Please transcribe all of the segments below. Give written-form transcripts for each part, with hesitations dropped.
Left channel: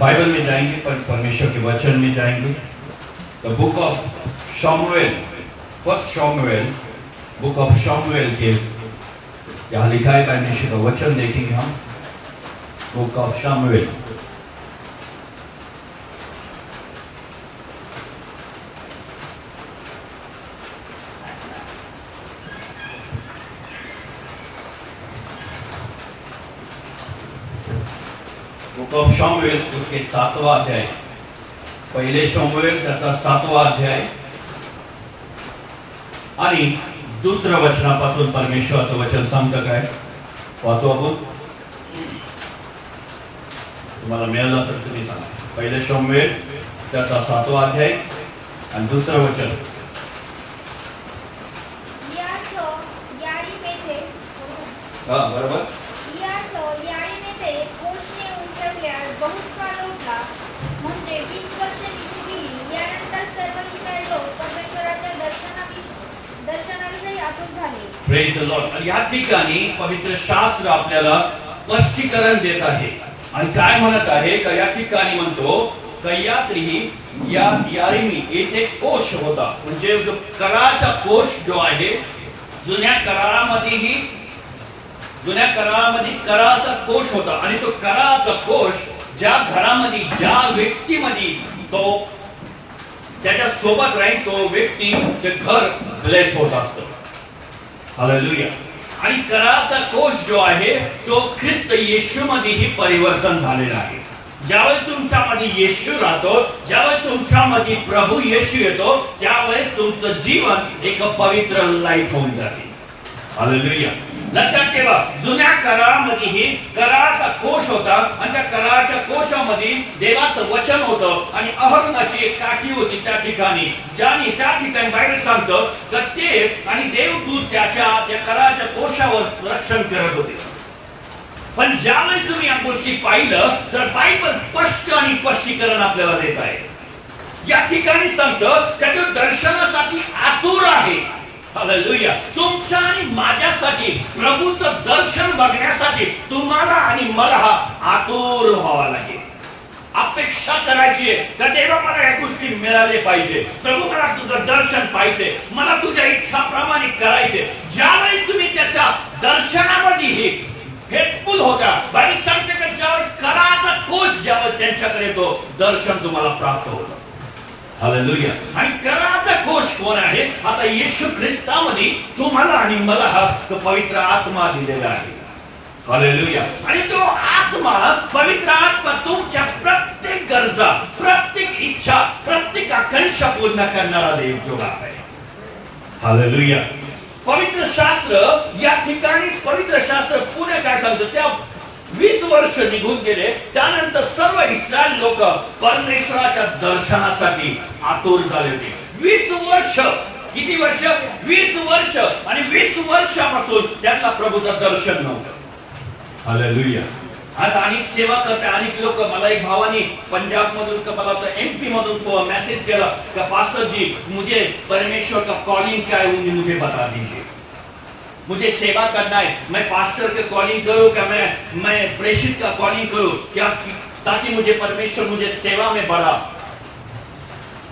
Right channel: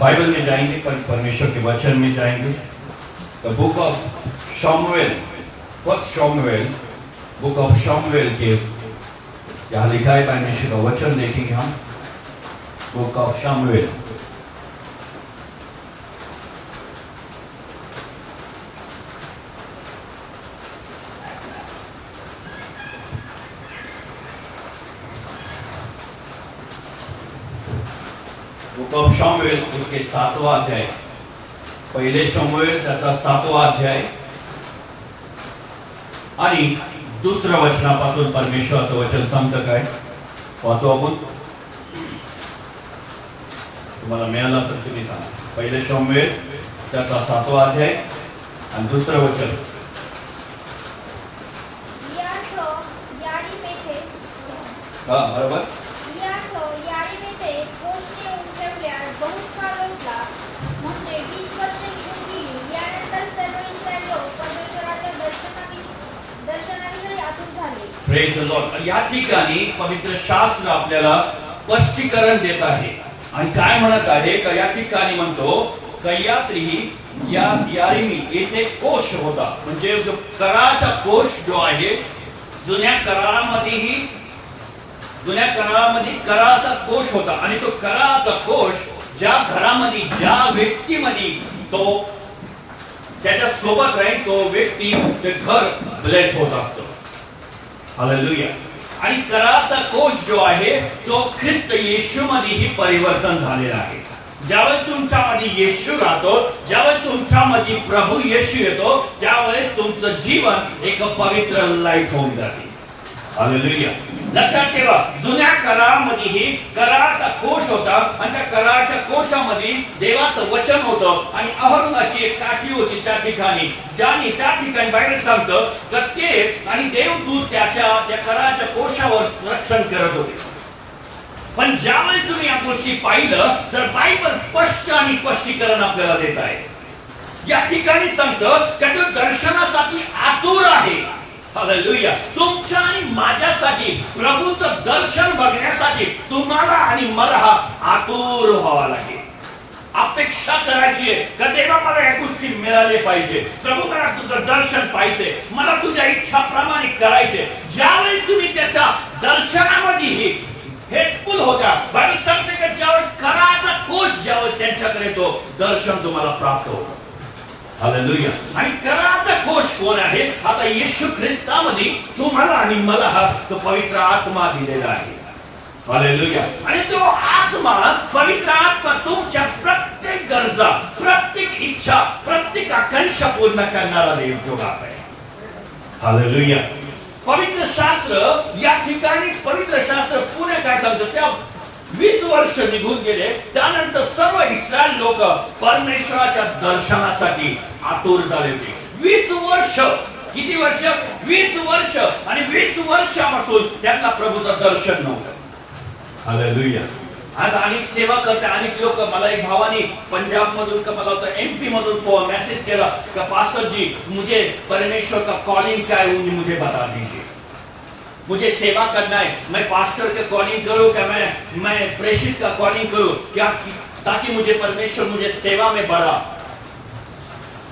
Bible में जाएंगे, परमेश्वर के वचन में जाएंगे। द बुक ऑफ शमूएल, फर्स्ट शमूएल, बुक ऑफ शमूएल के यहाँ लिखा है, परमेश्वर का वचन देखेंगे हम। बुक ऑफ शमूएल, बुक ऑफ शमूएल उसके 7वां अध्याय, पहिले शमूएल त्याचा 7वां अध्याय आणि दुसऱ्या वचनापासून परमेश्वराचं वचन सांगतं काय, वाचू आपण। तुम्हाला मिळालं तर तुम्ही सांगा। पहिले शमूएल त्याचा 7वां अध्याय आणि दुसरं वचन। बरोबर। Praise the Lord. या ठिकाणी पवित्र शास्त्र आपल्याला स्पष्टीकरण देत आहे आणि काय म्हणत आहे का, या ठिकाणी म्हणतो यारिमी येथे कोश होता, म्हणजे जो कराचा कोश जो आहे, जुन्या करारामध्ये कराचा कोश होता आणि तो कराचा कोश ज्या घरामध्ये ज्या व्यक्तीमध्ये तो त्याच्या सोबत राहील तो व्यक्ती ते घर ब्लेस होत असतो। हालेलुया। आणि कराचा कोश जो आहे तो ख्रिस्त येशूमध्येही परिवर्तन झालेला आहे। ज्यावेळेस तुमच्यामध्ये येशू राहतो, ज्यावेळेस तुमच्यामध्ये प्रभू येशू येतो, त्यावेळेस तुमचं जीवन एक पवित्र लाईफ होऊन जाते। हालेलुया। लक्षात ठेवा, जुन्या करारामध्येही कराचा कोश होता आणि त्या कराच्या कोशामध्ये देवाचं वचन होतं आणि अहंगाची एक टाकी होती त्या ठिकाणी, ज्याने त्या ठिकाणी बायबल सांगतं तर ते आणि देवदूत त्या कराच्या कोशावर रक्षण करत होते। पण ज्यावेळी तुम्ही या गोष्टी पाहिलं तर बायबल स्पष्ट आणि स्पष्टीकरण आपल्याला देत आहे। या ठिकाणी सांगतं की तो दर्शनासाठी आतुर आहे। हालेलुया। तुमच्या आणि माझ्यासाठी प्रभूचं दर्शन बघण्यासाठी तुम्हाला आणि मला आतुर व्हावा लागेल, अपेक्षा करायची आहे का देवा मला या गोष्टी मिळाले पाहिजे, प्रभू मला तुझं दर्शन पाहिजे, मला तुझ्या इच्छाप्रमाणे करायचे। ज्यावेळी तुम्ही त्याच्या दर्शनामध्ये हेतफुल होता, बायबल सांगते की ज्यावेळेस कराचा कोश ज्यावेळेस त्यांच्याकडे तो दर्शन तुम्हाला प्राप्त होतं। हालेलुया। आणि कराचा कोश कोण आहे? आता येशू ख्रिस्तामध्ये तुम्हाला आणि मला हा तो पवित्र आत्मा दिलेला आहे। हालेलुया। आणि तो आत्मा, पवित्र आत्मा तुमच्या प्रत्येक गरजा, प्रत्येक इच्छा, प्रत्येक आकांक्षा पूर्ण करणारा देव जो आहे। हालेलुया। पवित्र शास्त्र या ठिकाणी पवित्र शास्त्र पुणे काय सांगतं, त्या 20 वर्ष निघून गेले, त्यानंतर सर्व इस्रायल लोक परमेश्वराच्या दर्शनासाठी आतुर झाले होते। 20 वर्ष, किती वर्ष? 20 वर्ष। आणि 20 वर्षापासून त्यांना प्रभूचं दर्शन नव्हतं। हालेलुया। आज अनेक सेवा करते अनेक लोक। मला एक भावानी पंजाब मधून का मला होता एमपी मधून तो मैसेज केला कि पास्टर जी मुझे परमेश्वर का कॉलिंग क्या है मुझे बता दीजिए, मुझे सेवा करना है, मैं पास्टर के कॉलिंग करूं क्या मैं प्रेषित का कॉलिंग करूं क्या, ताकि मुझे परमेश्वर मुझे सेवा में बढ़ा।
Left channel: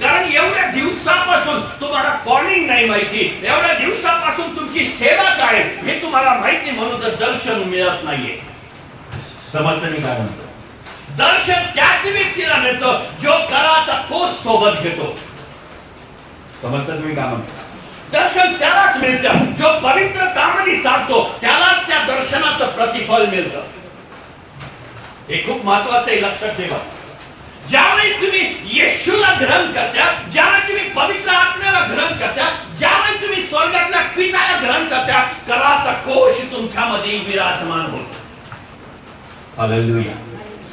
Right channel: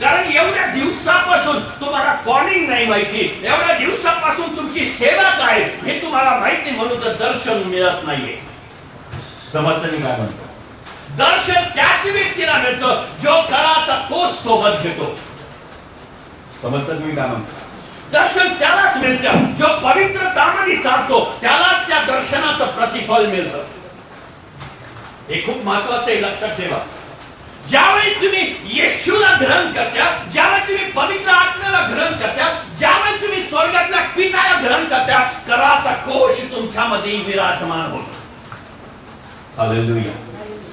कारण एवढ्या दिवसापासून तुम्हाला कॉलिंग नाही माहिती, एवढ्या दिवसापासून तुमची सेवा काय हे तुम्हाला माहिती, म्हणून तर दर्शन मिळत नाहीये। समजतं काय म्हणतो? दर्शन त्याच व्यक्तीला मिळतं जो कराचा कोश सोबत घेतो। समजतं तुम्ही काय म्हणतो? दर्शन त्यालाच मिळतं जो पवित्र कामाने चालतो, त्यालाच त्या दर्शनाचं प्रतिफल मिळतं। हे खूप महत्त्वाचं आहे, लक्षात ठेवा। ज्यावेळी तुम्ही येशूला ग्रहण करता, ज्यावेळी तुम्ही पवित्र आत्म्याला ग्रहण करता, ज्यावेळी तुम्ही स्वर्गातल्या पित्याला ग्रहण करता, कराचा कोश तुमच्यामध्ये विराजमान होतो। हालेलुया।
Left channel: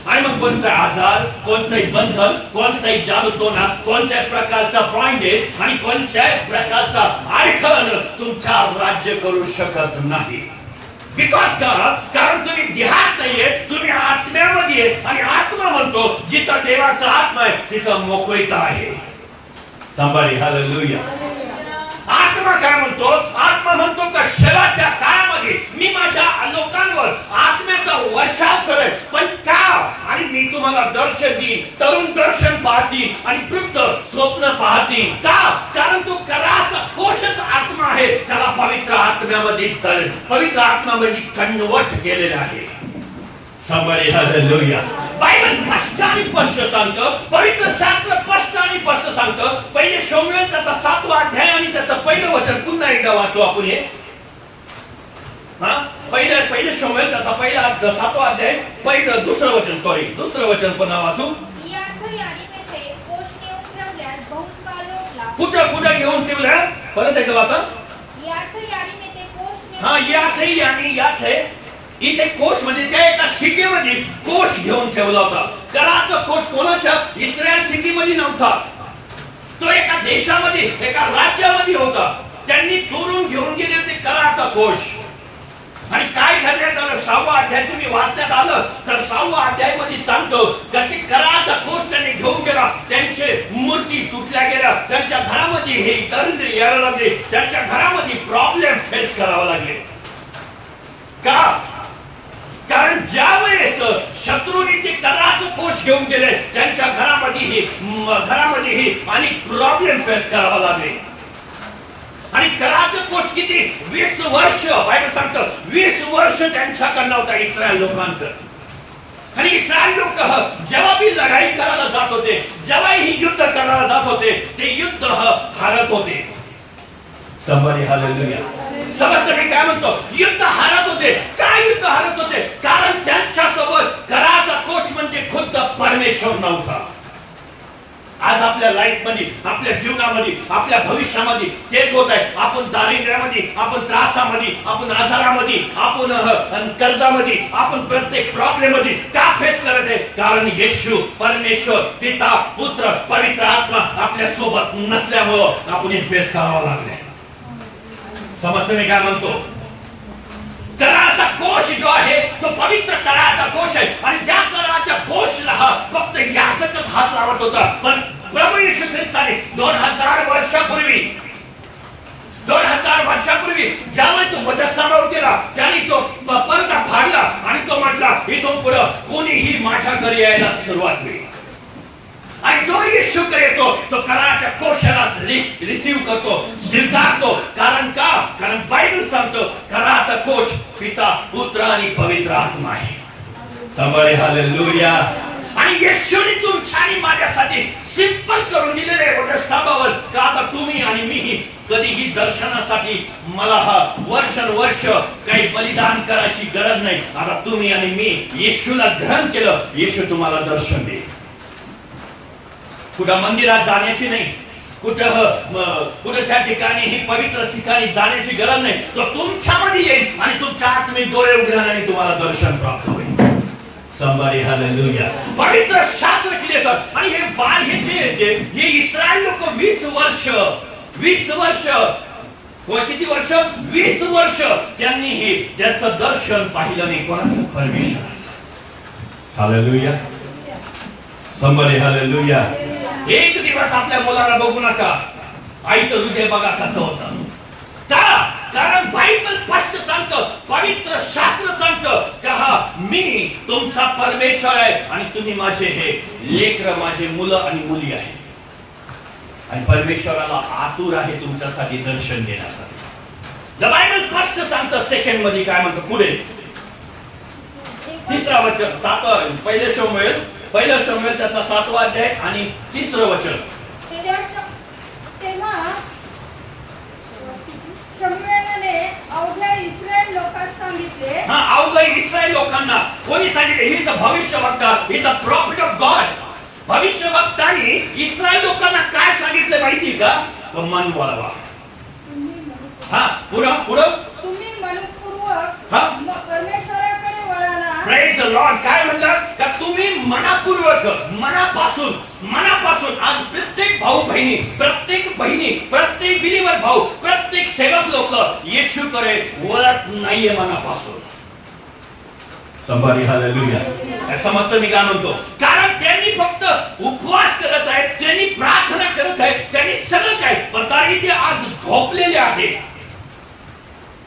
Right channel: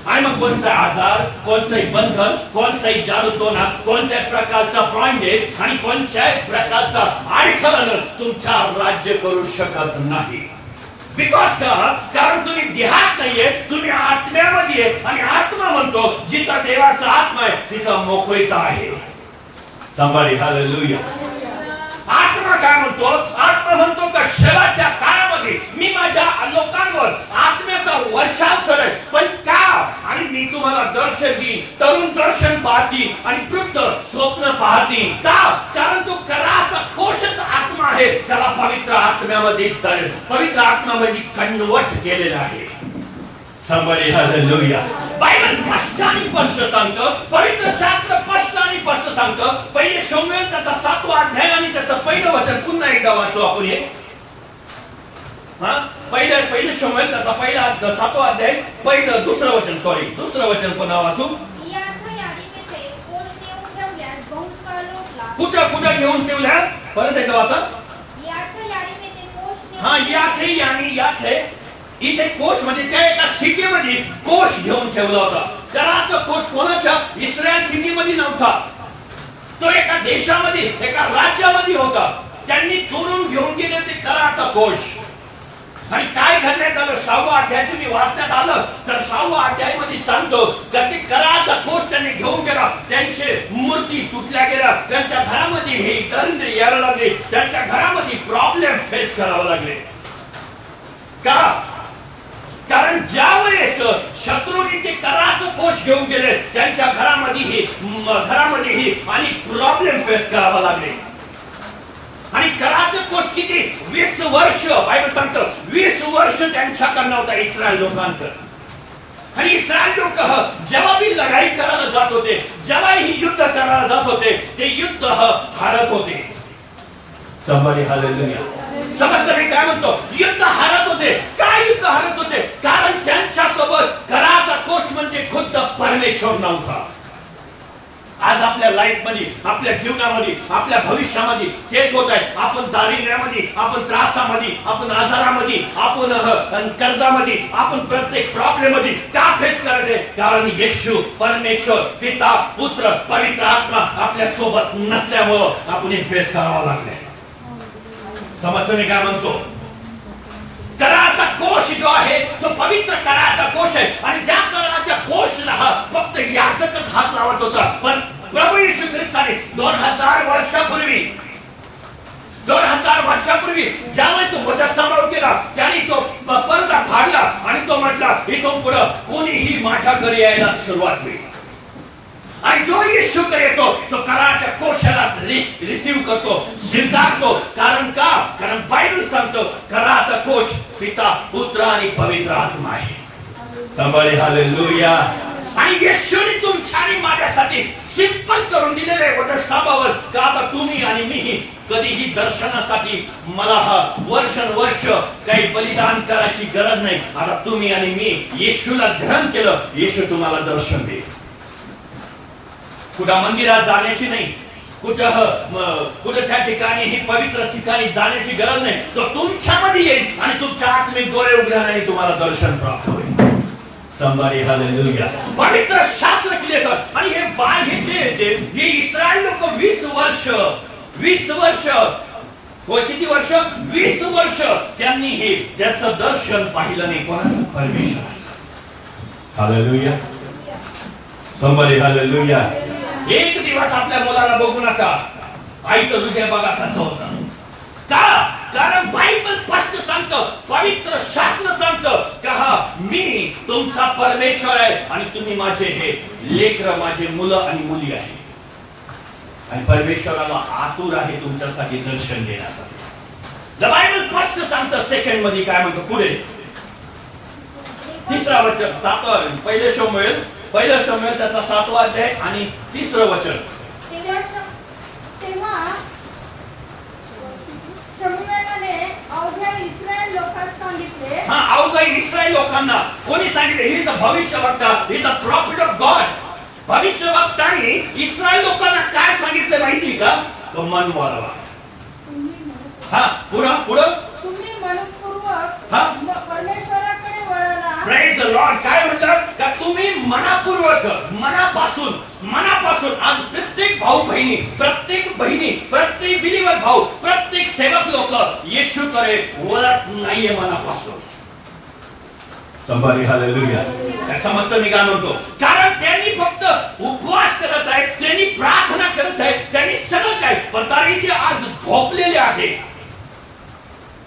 आणि मग कोणता आजार, कोणताही बंधन, कोणताही जादूटोना, कोणत्याही प्रकारचा बॉन्डेज आणि कोणत्याही प्रकारचा अडखळण तुमच्या राज्य करू शकत नाही। बिकॉज कारण तुम्ही देहात नाहीये, तुम्ही आत्म्यामध्ये आहे आणि आत्मा म्हणतो जिथं देवाचा आत्मा आहे तिथं मोकळीता आहे। Somebody hallelujah. आत्मा काय म्हणतो? आत्मा म्हणतो का शेवटच्या काळामध्ये मी माझ्या लोकांवर आत्म्याचा वर्षाव करेन. पण का? आणि मी तुम्हाला दर्शन देईन. तरुण दर्शन पाहतील आणि वृद्ध स्वप्न पाहतील. का? कारण तो कराचा कोशच आत्मा आहे. त्याला पवित्र आत्म्यामध्ये पवित्र आत्म्यामध्ये कन्वर्ट केलेला आहे. Somebody hallelujah. बायबल स्पष्ट आणि स्पष्ट सांगतं, पवित्र शास्त्र स्पष्ट आणि स्पष्ट सांगतं. पहिले शमूएल त्याचा 7वा अध्याय आणि त्याचं पहिलं वचन पुन्हा एकदा वाचू आपण हे. पहिले शमूएल त्याचा पहिला 7वा अध्याय दुसरं वचन पुन्हा वाचू. कुठं घेऊन ठेवल्या? परत एकदा वाचा. यात है इथे कोश म्हणजे त्या एका सिटीमध्ये कोश घेऊन ठेवला होता. कराचा कोश कोणाच्या? इस्रायल सिटीमध्ये नव्हता. तो एका देशामध्ये एका राज्यामध्ये होता. त्यांनी चोरून घेऊन गेले ते कराचा कोश. आणि काय घडण्यात आलं? 6वा अध्याय तुम्ही वाचण्यात आलं तर 6वा अध्याय मध्ये सांगतो की ते कराचा कोश त्यांनी घेऊन गेला. त्यांचे मूर्ती तुटल्या गेल्या. त्यांच्या घरामध्ये हे दरिद्र यायला लागले. त्यांच्या घरामध्ये प्रॉब्लेम फेस करावे लागले. का? कारण ज्यावेळेस शत्रूंनी ते कराचं कोश घेऊन गेले त्यांच्या घरामध्येही आणि प्रॉब्लेम फेस करावा लागले. आणि कराचं कोश किती? 20 वर्ष. बायबल सांगतं 20 वर्ष त्यांच्याकडे होता इस्रायल लोकांकडे. आणि इस्रायल लोक जेव्हा भी लढाई करायला जात होते, जेव्हाही युद्ध करायला जात होते, ते युद्ध हारत होते. Somebody hallelujah. समजतं मी काय म्हणतो? युद्ध हारत होते. काय युद्ध हारत होते? कारण त्यांच्या सोबत कराचा कोश म्हणजे खुद्द परमेश्वर नव्हता. आज आपल्या लाईफ मध्ये, आपल्या जीवनामध्ये, आपल्या भविष्यामध्ये तेच होत आहे. आपण दारिद्र्यामध्ये, आपण त्रासामध्ये, आपण आजारामध्ये, आपण कर्जामध्ये, आपण प्रत्येक प्रॉब्लेम मध्ये का फेस करत आहे? कारण येशू परमेश्वर पिता पुत्र पवित्र आत्मा आपल्या सोबत नसल्यामुळे आपण हे फेस करावं लागले. समजतो मी काय म्हणतो? कराचा कोश जो आहे तो पवित्र कराचा कोश आहे. आणि ज्या कराच्या कोशला फक्त याचकच हात लावत होता. पण प्रभू येशू ख्रिस्ताने 2000 वर्षापूर्वी ज्यावेळी तो मध्यस्थानावर गेला त्याने तो पडदा फाडला आणि तो म्हटला इथून पुढे कोणीही माझ्या घरी यायला सुरुवात होईल. आणि जो येशूकडे येतो तो कराच्या कोशाला रिसीव करतो, स्वीकारतो. कारण का? कारण बायबल सांगतो कराचा कोश पिता पुत्र आणि पवित्र आत्मा आहे. Somebody hallelujah. आणि येशूने तुमच्या आणि माझ्यासाठी सिंपल करून दिलेले वधस्तंभावर का आता तुम्ही आणि मीही कधीही दर्शनासाठी मला वर्ष काही बलिदान करायची गरज नाही. आता तुम्ही आणि मी येशूला ग्रहण केलं, येशू तुम्हाला दर्शन देईल. कुठं मंदिरात जाण्याची नाही, कुठं त्या ठिकाणी ही पवित्र ठिकाणी जाण्याची गरज नाही. तो तुमच्यामध्ये येईल आणि तुमच्या आत्मिक डोळे उघडल्याने तुम्हाला दर्शन प्राप्त होईल. Somebody hallelujah. पवित्र शास्त्र क्लिअर. आणि हे इस्रायल लोक 20 वर्ष किती वर्ष? 20 वर्ष त्यांनी हे त्याचं दर्शन पाहिलं नाही. कोणाचं? परमेश्वर. Hallelujah. Somebody hallelujah. एक दिवस आपल्या मुलाला बघू नका, आईचं हृदय बघा कसं होतं. का? कारण बायबल स्पष्ट सांगतं, पवित्र शास्त्र सांगतं की मी तुमचा परमेश्वर आहे आणि तुम्ही माझे हे लेकरं, माझे मुलं आणि मुली आहे. आणि परमेश्वराला आतुर आहे तुमच्यासाठी दर्शन देण्यासाठी. बायबल स्पष्ट सांगतं. सेकंड मध्ये काय म्हणतं पुढे? 3रा वचन. पहिलं शमूएल त्याचा 7वा अध्याय आणि 3रं वचन. तेव्हा शमूएलने अवघ्या इस्रायल लोकांना सांगितले. अवघ्या इस्रायल लोकांना कोणी सांगितले? ही द भविष्यवक्ता, ही द प्रॉफिट ऑफ गॉड. भविष्यवक्तांनी इस्रायल लोकांना काय सांगितलं माहिती का? मन वळवा. पुढं तुम्ही मनपूर्वक परमेश्वराकडे वळाला. Praise the lord. काय म्हणतात का तुम्ही मनापूर्वक, मनापासून आज प्रत्येक भाऊ बहिणी, प्रत्येक बिलीवर भाऊ, प्रत्येक सेवक लोक येशूकडे वळत नाहीये मनापासून. Somebody hallelujah. समजतं मी काय म्हणतो? कारण त्यांनी फक्त उपवास करत आहेत, त्यांनी प्रार्थना करत आहेत, त्यांनी सगळं मालक आहे, पण तरी ते आज झोपलेले आहे.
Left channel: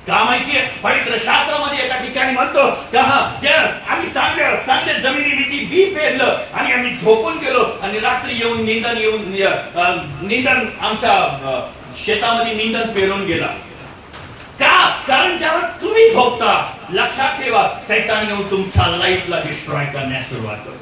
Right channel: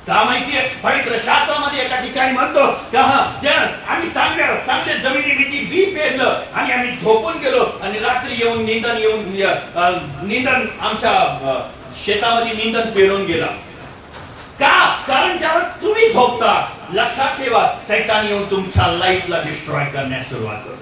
का माहितीये, पवित्र शास्त्रामध्ये एका ठिकाणी म्हणतो की आम्ही चांगले जमिनीवरती बी पेरलं आणि आम्ही झोपून गेलो आणि रात्री येऊन निंदन आमच्या शेतामध्ये निंदन पेरून गेला. का? कारण जेव्हा तुम्ही झोपता, लक्षात ठेवा, सैतान येऊन तुमच्या लाईफला डिस्ट्रॉय करण्यास सुरुवात करतो.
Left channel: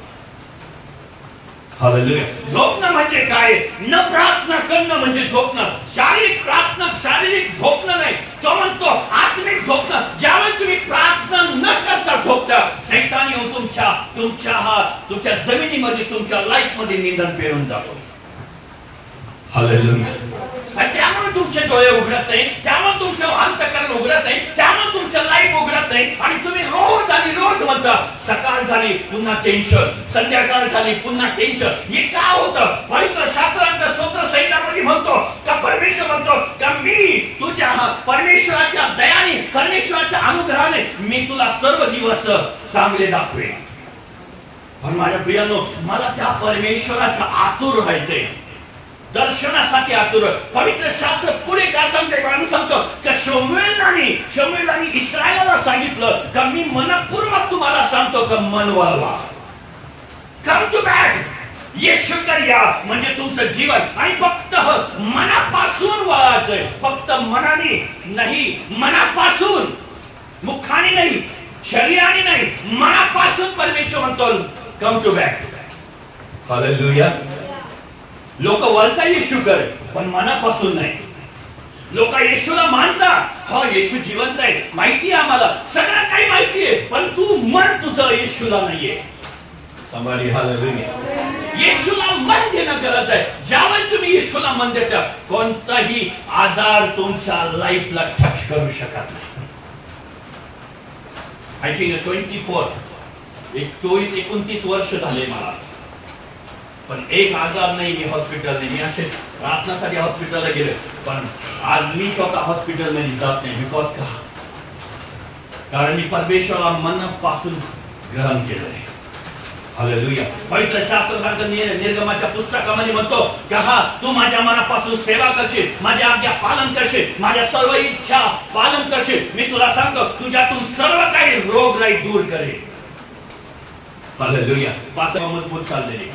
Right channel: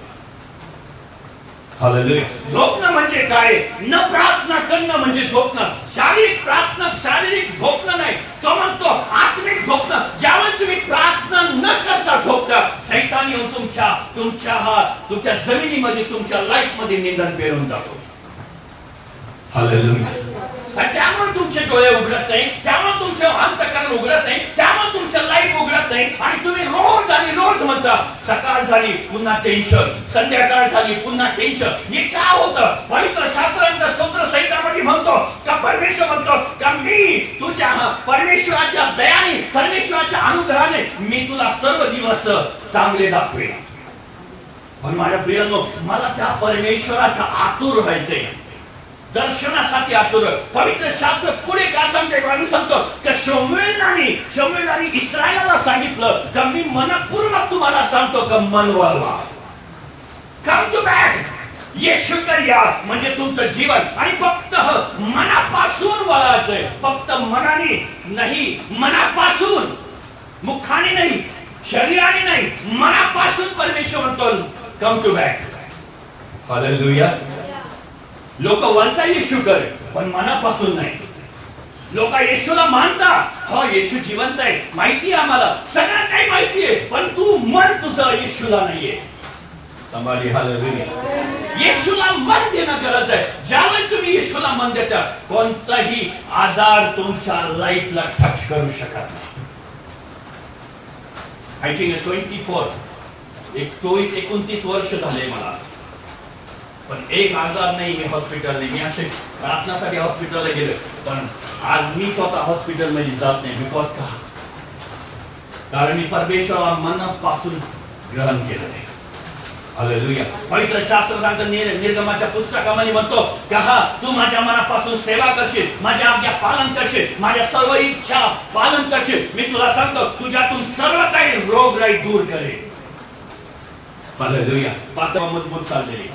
हालेलुया. झोपणं म्हणजे काय? न प्रार्थना करणं म्हणजे झोपणं. शारीरिक झोपणं नाही, तो म्हणतो आत्मिक झोपणं. ज्यावेळेस तुम्ही प्रार्थना न करता झोपता, सैतान येऊन तुमच्या जमिनीमध्ये, तुमच्या लाईफ मध्ये निंदन पेरून जातो. हालेलुया. त्यामुळे तुमचे डोळे उघडत नाही, त्यामुळे तुमचं अंतःकरण उघडत नाही, त्यामुळे तुमचं लाईफ उघडत नाही आणि तुम्ही रोज आणि रोज म्हणता सकाळ झाली पुन्हा टेन्शन, संध्याकाळ झाली पुन्हा टेन्शन. हे काय होतं? पवित्र शास्त्रांच्या स्तोत्र संहितामध्ये म्हणतो का परमेश्वर म्हणतो का मी तुझ्या परमेश्वराच्या दयाने, परमेश्वराच्या अनुग्रहाने मी तुला सर्व दिवस चांगले दाखवेन. पण माझ्या प्रियांनो, मला त्या परमेश्वराच्या आतुर व्हायचंय, दर्शनासाठी आतुर. पवित्र शास्त्र पुढे काय सांगतो की शमूएलाने इस्रायलाला सांगितलं की मी मनपूर्वक तुम्हाला सांगतो की मन वळवा, कम टू बॅक, येशूकडे या. म्हणजे तुमचं जीवन आणि फक्त मनापासून वळायचंय, फक्त मनाने नाही, मनापासून, मुखाने नाही, शरीराने नाही, मनापासून. परमेश्वर म्हणतो कम टू बॅक. हालेलुया. लोक वळता येशूकडे पण मनापासून नाही. लोक येशूला मानतात, हो येशू जिवंत आहे, माहिती आहे आम्हाला, सगळं काही माहिती आहे, पण तू मन तुझं येशूला नाहीये. संभाळी. हालेलुया. येशूला मन देणं गरज आहे. ज्यावेळेस तुम्ही येशूला मन देता, कोणताही आजार तुमच्या लाईफला टच करू शकत नाही. आय थिंक 24-29 वर्ष झाले मला, पण एक आजार नाही, मी हॉस्पिटल नाही. मी असे प्रार्थनासाठी हॉस्पिटलला गेले, पण आज मी स्वतः हॉस्पिटल मध्ये जात नाही. बिकॉज का? कारण मी परमेश्वराला मनापासून ग्रहण केलंय. हालेलुया. पवित्र शास्त्र सांगतं, निर्गमाच्या पुस्तकामध्ये म्हणतो की तू माझ्या मनापासून सेवा करशील, माझ्या आज्ञा पालन करशील, माझ्या सर्व इच्छा पालन करशील. मी तुला सांगतो तुझ्यातून सर्व काही रोगराई दूर करेल. हालेलुया. पात्र मजबूत चाललेली.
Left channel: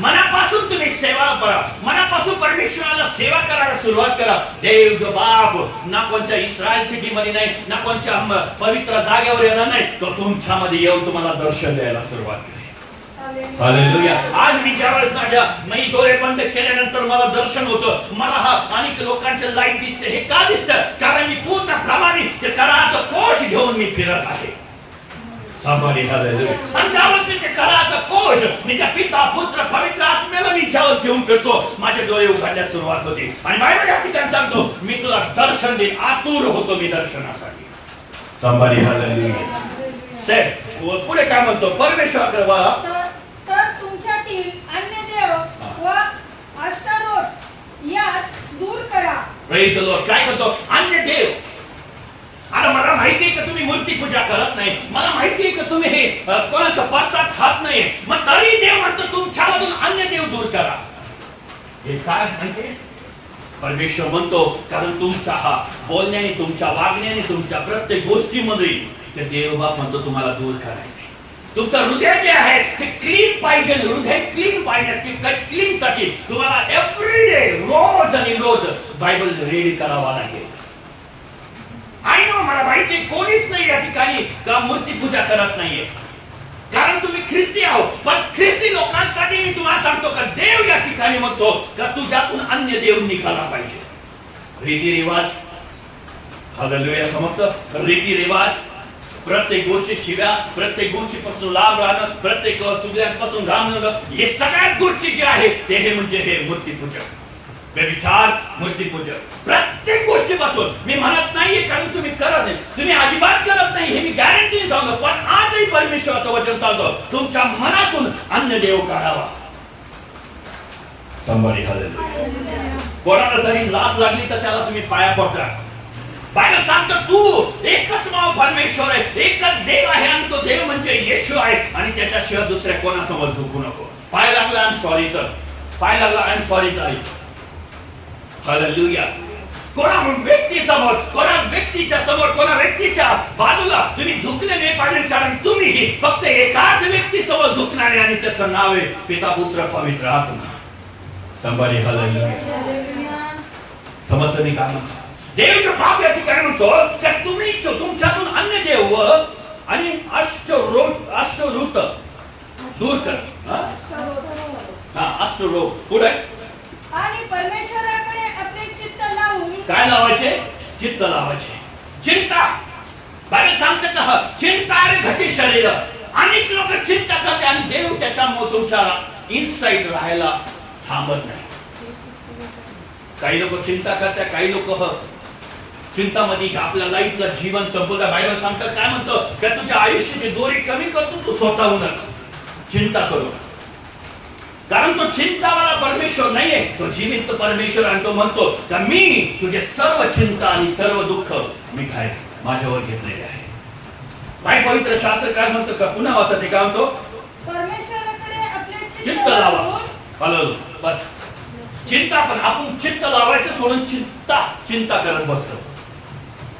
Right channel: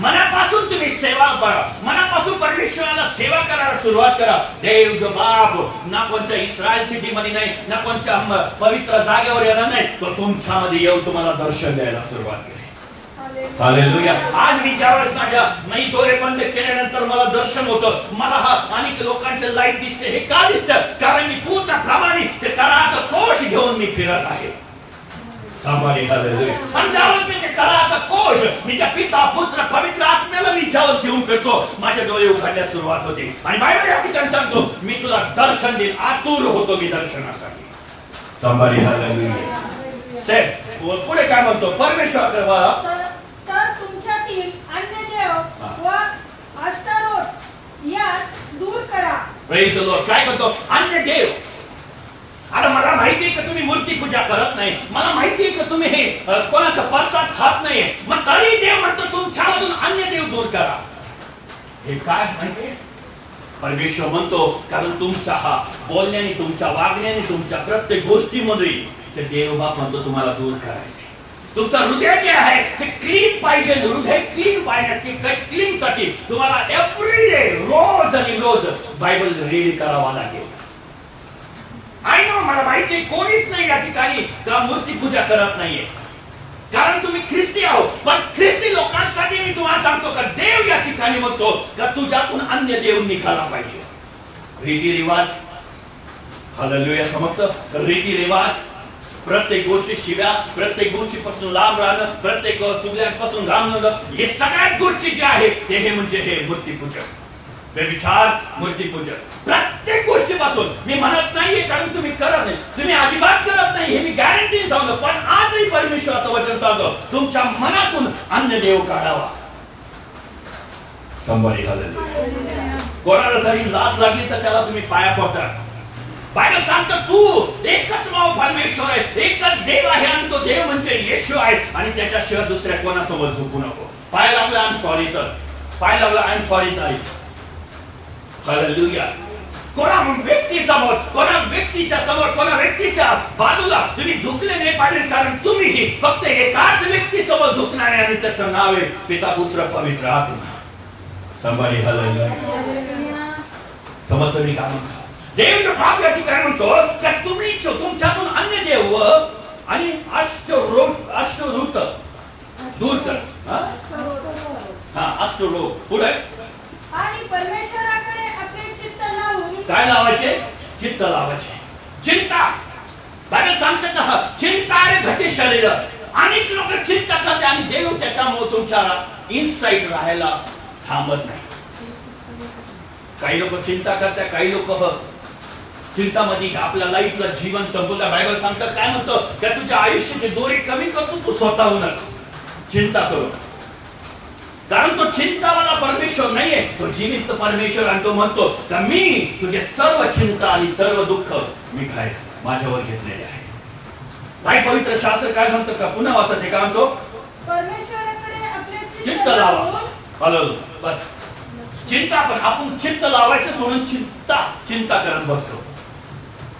मनापासून तुम्ही सेवा करा, मनापासून परमेश्वराला सेवा करायला सुरुवात करा. देव जो बाप ना कोणत्या इस्रायल सिटी मध्ये नाही, ना कोणत्या पवित्र जागेवर येणार नाही, तो तुमच्यामध्ये येऊन तुम्हाला दर्शन द्यायला सुरुवात करेल. हालेलुया. आज मी ज्यावेळेस मी डोळे बंद केल्यानंतर मला दर्शन होतं, मला अनेक लोकांचे लाईट दिसते. हे का दिसतं? कारण मी पूर्णप्रमाणे ते कराचा कोश घेऊन मी फिरत आहे. सांभाळी. हालेलुया. आणि ज्यावेळेस मी ते कराचा कोश, मी त्या पिता पुत्र पवित्र आत्म्याला मी ज्यावेळेस घेऊन फिरतो, माझे डोळे उघडण्यास सुरुवात होते. आणि बायबल या ठिकाणी सांगतो मी तुला दर्शन देईन. आतुर होतो मी दर्शनासाठी. सांभाळी. हालेलुया. पुढे काय म्हणतो? परमेश्वर तर तुमच्यातील अन्य देव व अष्टारोत यास दूर करा. Praise the lord. काय म्हणतो? अन्य देव. आता मला माहिती आहे की तुम्ही मूर्ती पूजा करत नाही, मला माहिती आहे की तुम्ही हे कोणाचा प्रसाद खात नाही, मग तरी देव म्हणतो तुमच्यामधून अन्य देव दूर करा. हे काय म्हणते? परमेश्वर म्हणतो कारण तुमच्या बोलण्याने, तुमच्या वागण्याने, तुमच्या प्रत्येक गोष्टीमध्ये ते देव बाप म्हणतो तुम्हाला दूर करायचे. तुमचं हृदय जे आहे ते क्लीन पाहिजे. हृदय क्लीन पाहिजे. क्लीन साठी तुम्हाला एव्हरी डे, रोज आणि रोज बायबल रीड करावा लागेल. आई नो, मला माहिती कोणीच नाही या ठिकाणी का मूर्ती पूजा करत नाहीये, कारण तुम्ही ख्रिस्ती आहोत. पण ख्रिस्ती लोकांसाठी मी तुम्हाला सांगतो का देव या ठिकाणी म्हणतो का तुझ्यातून अन्य देव निघाला पाहिजे. रीतिरिवाज. हालेलुया. समजतं? रीतिरिवाज, प्रत्येक गोष्टी शिव्या, प्रत्येक गोष्टीपासून लांब राहणं, प्रत्येक चुगल्यांपासून राहणं, हे सगळ्यात गोष्टी जे आहे ते म्हणजे हे मूर्तीपूजन, व्यभिचार, मूर्तीपूजन. प्रत्येक गोष्टीपासून मी म्हणत नाहीये कारण तुम्ही करत नाही, तुम्ही अजिबात करत नाही, हे मी गॅरंटी सांगतो. पण आजही परमेश्वराचं वचन सांगतो तुमच्या मनातून अन्य देव काढावा. संभाळी. हालेलुया. कोणाला तरी लाज लागली तर त्याला तुम्ही पाया पडता. बायबल सांगतो तू एकच परमेश्वर आहे, एकच देव आहे आणि तो देव म्हणजे येशू आहे आणि त्याच्याशिवाय दुसऱ्या कोणासमोर झुकू नको. पाय लागला आय एम सॉरी सर, पाय लागला आय एम सॉरी ताई. हालेलुया. कोणा व्यक्तीसमोर, कोणा व्यक्तीच्या समोर, कोणा व्यक्तीच्या बाजूला तुम्ही झुकले नाही पाहिजे, कारण तुम्ही फक्त एकाच व्यक्तीसमोर झुकणार आहे आणि त्याचं नाव आहे पिता पुत्र पवित्र आत्मा. संभारी हालेलुया. समजतो मी का म्हणतो? देवच्या बाप या ठिकाणी म्हणतो की तुम्ही तुमच्यातून अन्य देव आणि अष्टरोत दूर करा. अष्टरोग पुढे आणि परमेश्वराकडे आपले चित्त लावून काय लावायचे? चित्त लावायचे. चिंता बायबल सांगते का चिंता रे घटी शरीर. अनेक लोक चिंता करतात आणि देव त्याच्यामुळे तुमच्या इनसाइट राहायला थांबत नाही. काही लोक चिंता करतात, काही लोक चिंतामध्ये आपल्या लाईफला जीवन संपवलं. बायबल सांगतात काय म्हणतो की तुझ्या आयुष्याची दोरी कमी करतो तू स्वतःहूनच. चिंता करू, कारण तो चिंतावाला परमेश्वर नाहीये, तो जिवंत परमेश्वर. आणि तो म्हणतो की मी तुझे सर्व चिंता आणि सर्व दुःख मी काय माझ्यावर घेतलेले आहे. काय पवित्र शास्त्र काय म्हणतं का? पुन्हा वाचा ते काय म्हणतो? परमेश्वराकडे आपले चित्त लावा. हॅलो, बस चिंता. पण आपण चित्त लावायचं सोडून चिंता करत बसतो.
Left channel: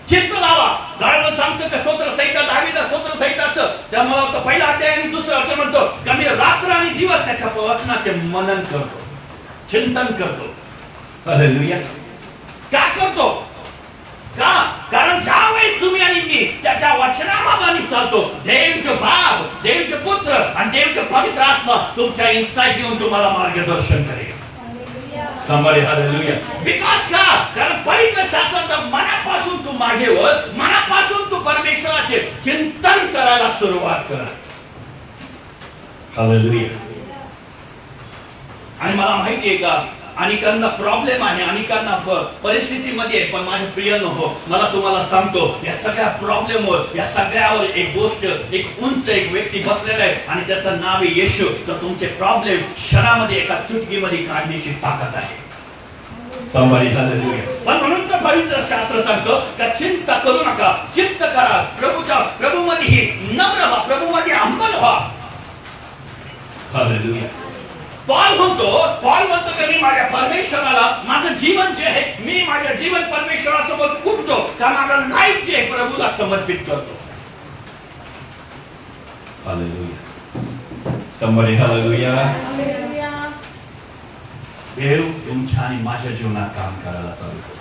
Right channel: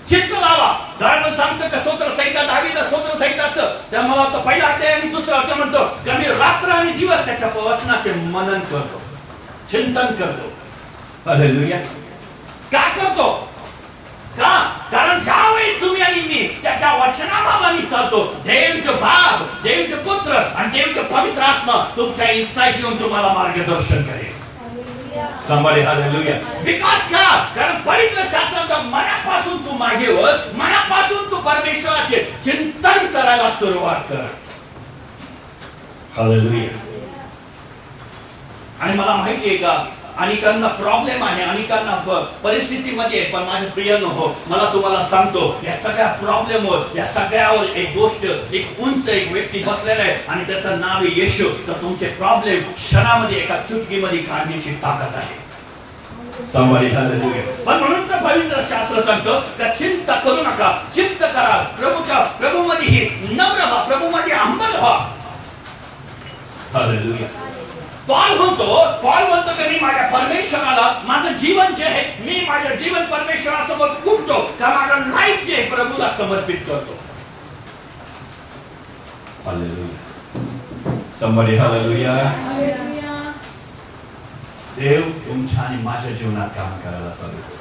चित्त लावा. बायबल सांगतो की स्तोत्र संहिता, दावीदा स्तोत्र संहिताचं त्यामुळे पहिला अध्याय आणि दुसरा अध्याय म्हणतो की मी रात्र आणि दिवस त्याच्या वचनाचे मनन करतो, चिंतन करतो. हालेलुया. का करतो? का? कारण ज्यावेळी तुम्ही आणि मी त्याच्या वचनामागे चालतो, देवचे बाप, देवचे पुत्र आणि देवचे पवित्र आत्मा तुमच्या इनसाइट येऊन तुम्हाला मार्गदर्शन करेल. Somebody hallelujah. विकास का? कारण पवित्र शास्त्राच्या मनापासून तू मागे वळ, मनापासून तू परमेश्वराचे चिंतन करायला सुरुवात कर. हालेलुया. आणि मला माहिती आहे का अनेकांना प्रॉब्लेम आहे, अनेकांना परिस्थितीमध्ये, पण माझे प्रिय हो, मला तुम्हाला सांगतो या सगळ्या प्रॉब्लेमवर, या सगळ्यावर एक गोष्ट, एक उंच एक व्यक्ती बसलेला आहे आणि त्याचं नाव आहे येशू. तर तुमचे प्रॉब्लेम क्षणामध्ये एका चुटकीमध्ये काढण्याची ताकद आहे. Somebody hallelujah. पण म्हणून तर पवित्र शास्त्र सांगतो की चिंता करू नका, चिंता करा प्रभूमध्ये ही नम्र व्हा, प्रभूमध्ये अंमल व्हा. हालेलुया. पॉल म्हणतो की मी माझ्या परमेश्वराला माझं जीवन जे आहे, मी माझं जीवन परमेश्वरासमोर फुटतो, का माझं लाईफ जे प्रभूला समर्पित करतो. हालेलुया. Somebody hallelujah. देव तुमच्या आणि माझ्या जीवनात काम करायला पाहिजे.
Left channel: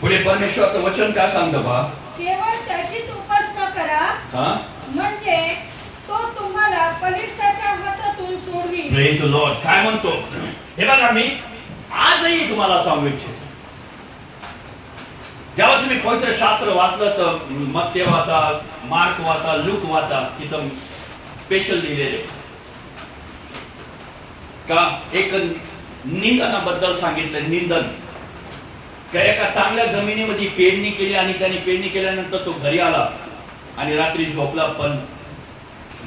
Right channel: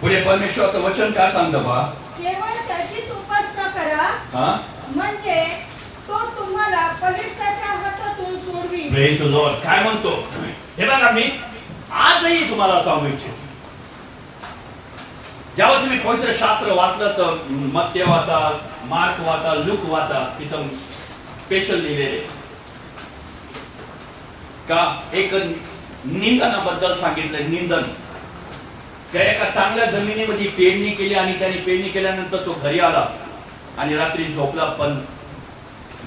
पुढे परमेश्वराचं वचन काय सांगतं बा? केवळ त्याचीच उपासना करा, म्हणजे तो तुम्हाला पलिष्ठाच्या हातातून सोडवी. Praise the lord. काय म्हणतो हे बघा, मी आजही तुम्हाला सांगू इच्छितो, जेव्हा तुम्ही पवित्र शास्त्र वाचलं तर मत्ते वाचा, मार्क वाचा, लूक वाचा, तिथं स्पेशल लिहिलेले का एक निंदनाबद्दल सांगितलं. निंदन काय? एका चांगल्या जमिनीमध्ये पेरणी केली आणि त्याने पेरणी केल्यानंतर तो घरी आला आणि रात्री झोपला. पण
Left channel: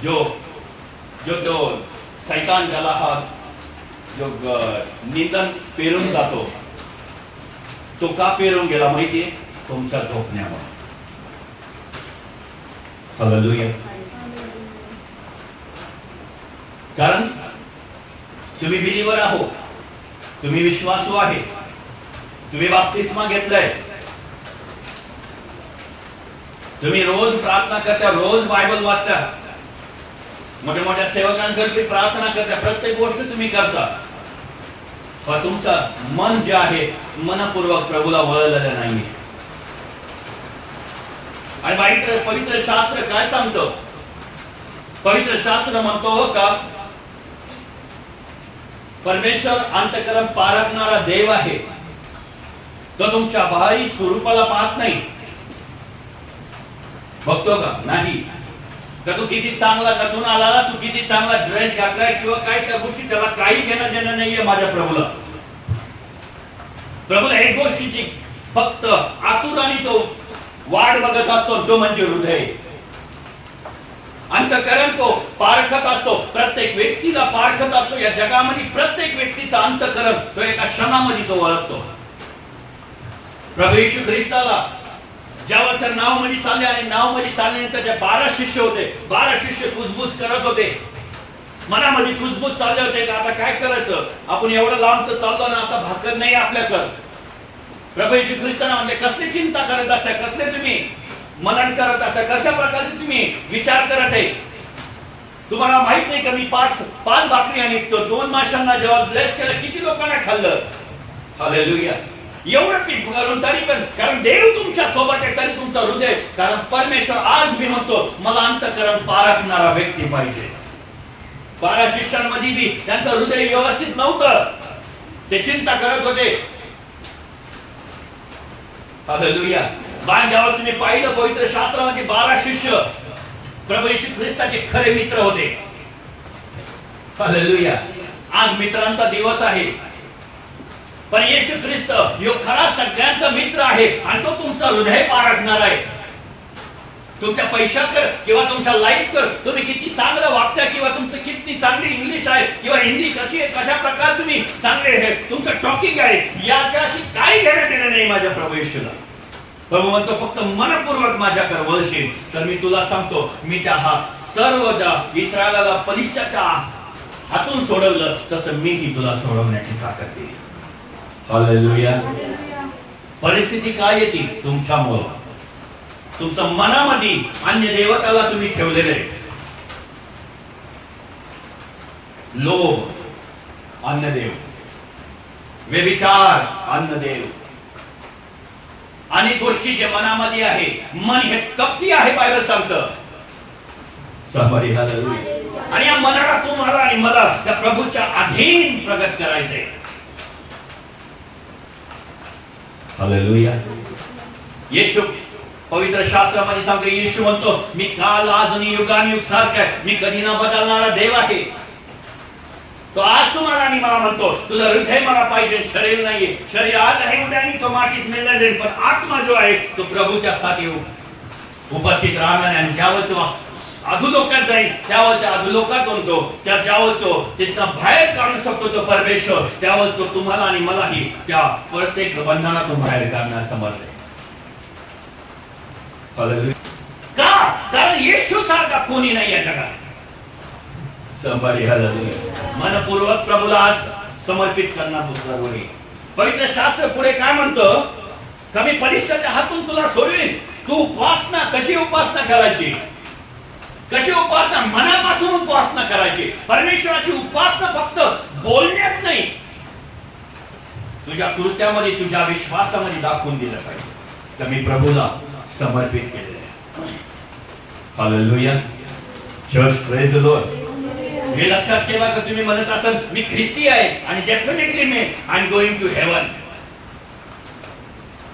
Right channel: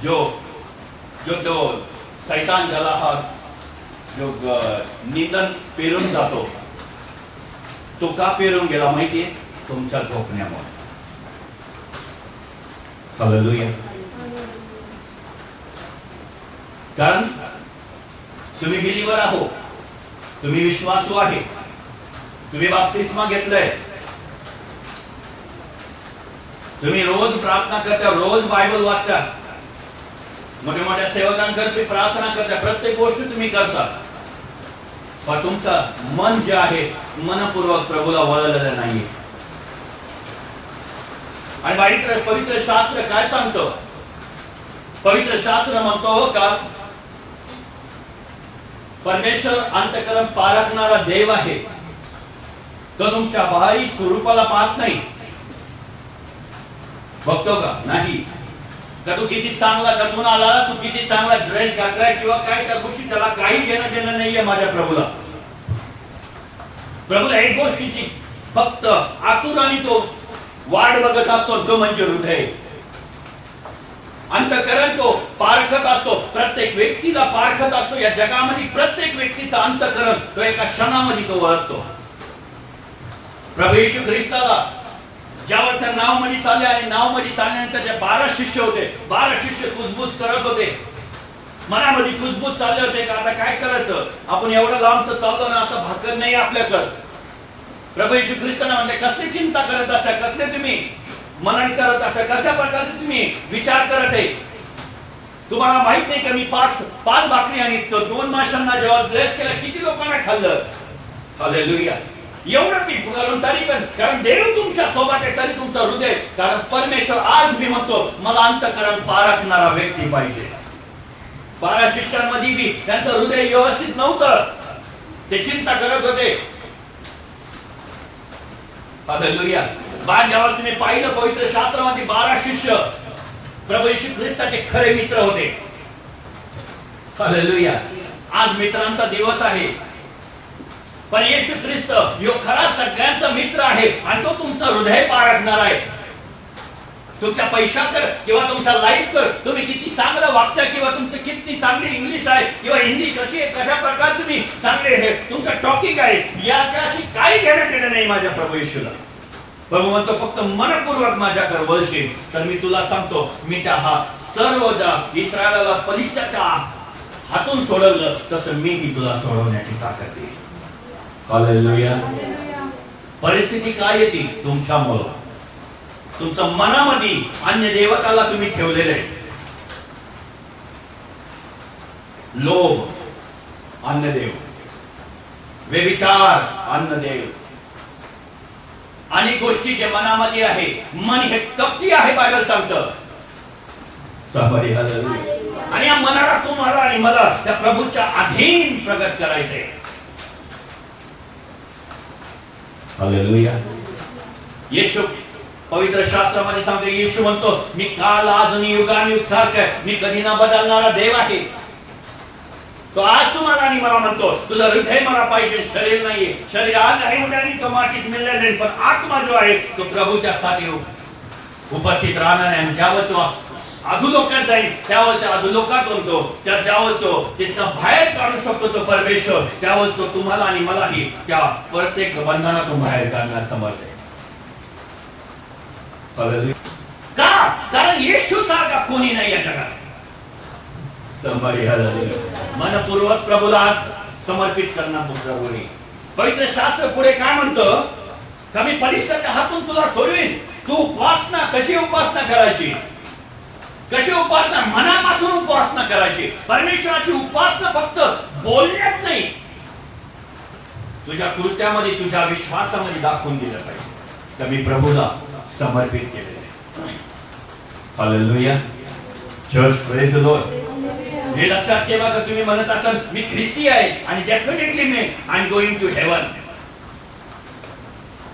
जो शैतान ज्याला हा जो निंदन पेरून जातो, तो का पेरून गेला माहितीये? तुमच्या झोपण्यामुळे. हालेलुया. कारण तुम्ही बिलीवर आहो, तुम्ही विश्वासू आहे, तुम्ही बाप्तिस्मा घेतलाय, तुम्ही रोज प्रार्थना करता, रोज बायबल वाचता, मोठ्या मोठ्या सेवकांकरता प्रार्थना करता, प्रत्येक गोष्ट तुम्ही करता, पण तुमचं मन जे आहे मनपूर्वक प्रभूला वळलेलं नाही. आणि पवित्र शास्त्र काय सांगतो? पवित्र शास्त्र म्हणतो का परमेश्वर अंतःकरण पारखणारा देव आहे. तो तुमच्या बाहेरी स्वरूपाला पाहत नाही. बघतो का? नाही. का तू किती चांगला कथून आला, तू किती चांगला ड्रेस घातलाय किंवा काय त्या गोष्टी, त्याला काही घेणं देणं नाहीये माझ्या प्रभूला. प्रभूला एक गोष्टीची फक्त आतुराने तो वाट बघत असतो, तो म्हणजे हृदय. अंतःकरण तो पारखत असतो, प्रत्येक व्यक्तीला पारखत असतो. या जगामध्ये प्रत्येक व्यक्तीचा अंतःकरण तो एका क्षणामध्ये तो ओळखतो. प्रभू येशू ख्रिस्ताला ज्यावर त्या नाव मध्ये चालले आणि नाव मध्ये चालल्यानंतर जे 12 शिष्य होते, 12 शिष्य कुजबुज करत होते. मनामध्ये कुजबूज चालले होते का आता काय करायचं, आपण एवढं लांब तर चाललो ना, आता भाकर नाही आपल्याकडं. प्रभू येशू ख्रिस्ताना म्हणले, कसली चिंता करत असता, कसले तुम्ही मनन करत असता, कशा प्रकारचे तुम्ही विचार करत आहे. तुम्हाला माहित नाही का मी पाच भाकरी आणि 2 माशांना जेव्हा ब्लेस केलं, किती लोकांना खाल्लं. हालेलुया. एवढं पीठ करून तरी पण, कारण देव तुमच्या सोबत आहे, तरी तुमचं हृदय, कारण परमेश्वर आज मी म्हणतो मला अंतःकरण पारखणारा व्यक्ती पाहिजे. 12 शिष्यांमध्ये बी त्यांचं हृदय व्यवस्थित नव्हतं, ते चिंता करत होते. हालेलुया. ज्यावर तुम्ही पाहिलं पवित्र शास्त्रामध्ये 12 शिष्य प्रभू येशू ख्रिस्ताचे खरे मित्र होते. हालेलुया. आज मित्रांचा दिवस आहे, पण येशू ख्रिस्त यो खरा सगळ्यांचा मित्र आहे आणि तो तुमचा हृदय पारखणार आहे. तुमच्या पैशाकर किंवा तुमच्या लाईफ कर, तुम्ही किती चांगलं वागता किंवा तुमचं किती चांगली इंग्लिश आहे किंवा हिंदी कशी आहे, कशा प्रकारे तुम्ही चांगले आहे, तुमचं टॉकिंग आहे, याच्याशी काही घेणं देणं नाही माझ्या प्रभू येशूला. प्रभू म्हणतो फक्त मनपूर्वक माझ्याकडे वळशील तर मी तुला सांगतो, मी त्या सर्व ज्या इस्रायलाला पलिश्ताच्या हातून सोडवलं तसं मीही तुला सोडवण्याची ताकद देईन. हालेलुया. परिस्थिती काय येते तुमच्यामुळं, तुमच्या मनामध्ये अन्य देवताला तुम्ही ठेवलेले. लोभ अन्य देव, व्यभिचार अन्य देव, आणि गोष्टी जे मनामध्ये आहे, मन हे कपटी आहे बायबल सांगतं. आणि या मनाला तुम्हाला आणि मला त्या प्रभूच्या अधीन प्रगट करायचे. हालेलुया. येशू पवित्र शास्त्रामध्ये सांगतो, येशू म्हणतो मी काल आज आणि युगानुयुग सारखा आहे, मी कधी न बदलणारा देव आहे. तो आज तुम्हाला आणि मला म्हणतो तुझं हृदय मला पाहिजे, शरीर नाहीये. शरीर आज आहे उद्यानी तो मातीत मिळला जाईल, पण आत्मा जो आहे तो प्रभूच्या साठी उपस्थित राहणार आहे. आणि ज्यावर तो अधोलोकात जाईल त्यावर त्या अधोलोकात म्हणतो, त्या ज्यावर तो तिथनं बाहेर काढू शकतो तो परमेश्वर, त्यावर तो तुम्हाला आणि मलाही त्या प्रत्येक बंधनातून बाहेर काढण्यास समर्थ आहे. का? कारण येशू सारखा कोणी नाही या जगात. मनपूर्वक प्रभूला समर्पित करणं जरुरी. पवित्र शास्त्र पुढे काय म्हणतं, कमी पलिश्ताच्या हातून तुला सोडवीन. तू उपासना कशी उपासना करायची, कशी उपासना, मनापासून उपासना करायची. परमेश्वराची उपासना फक्त बोलण्यात नाही, तुझ्या कृत्यामध्ये तुझ्या विश्वासामध्ये दाखवून दिलं पाहिजे तर मी प्रभूला समर्पित केलेलं आहे. Hallelujah. Church praise the Lord. हे लक्षात ठेवा की तुम्ही म्हणत असाल मी ख्रिस्ती आहे आणि डेफिनेटली मी I am going to heaven.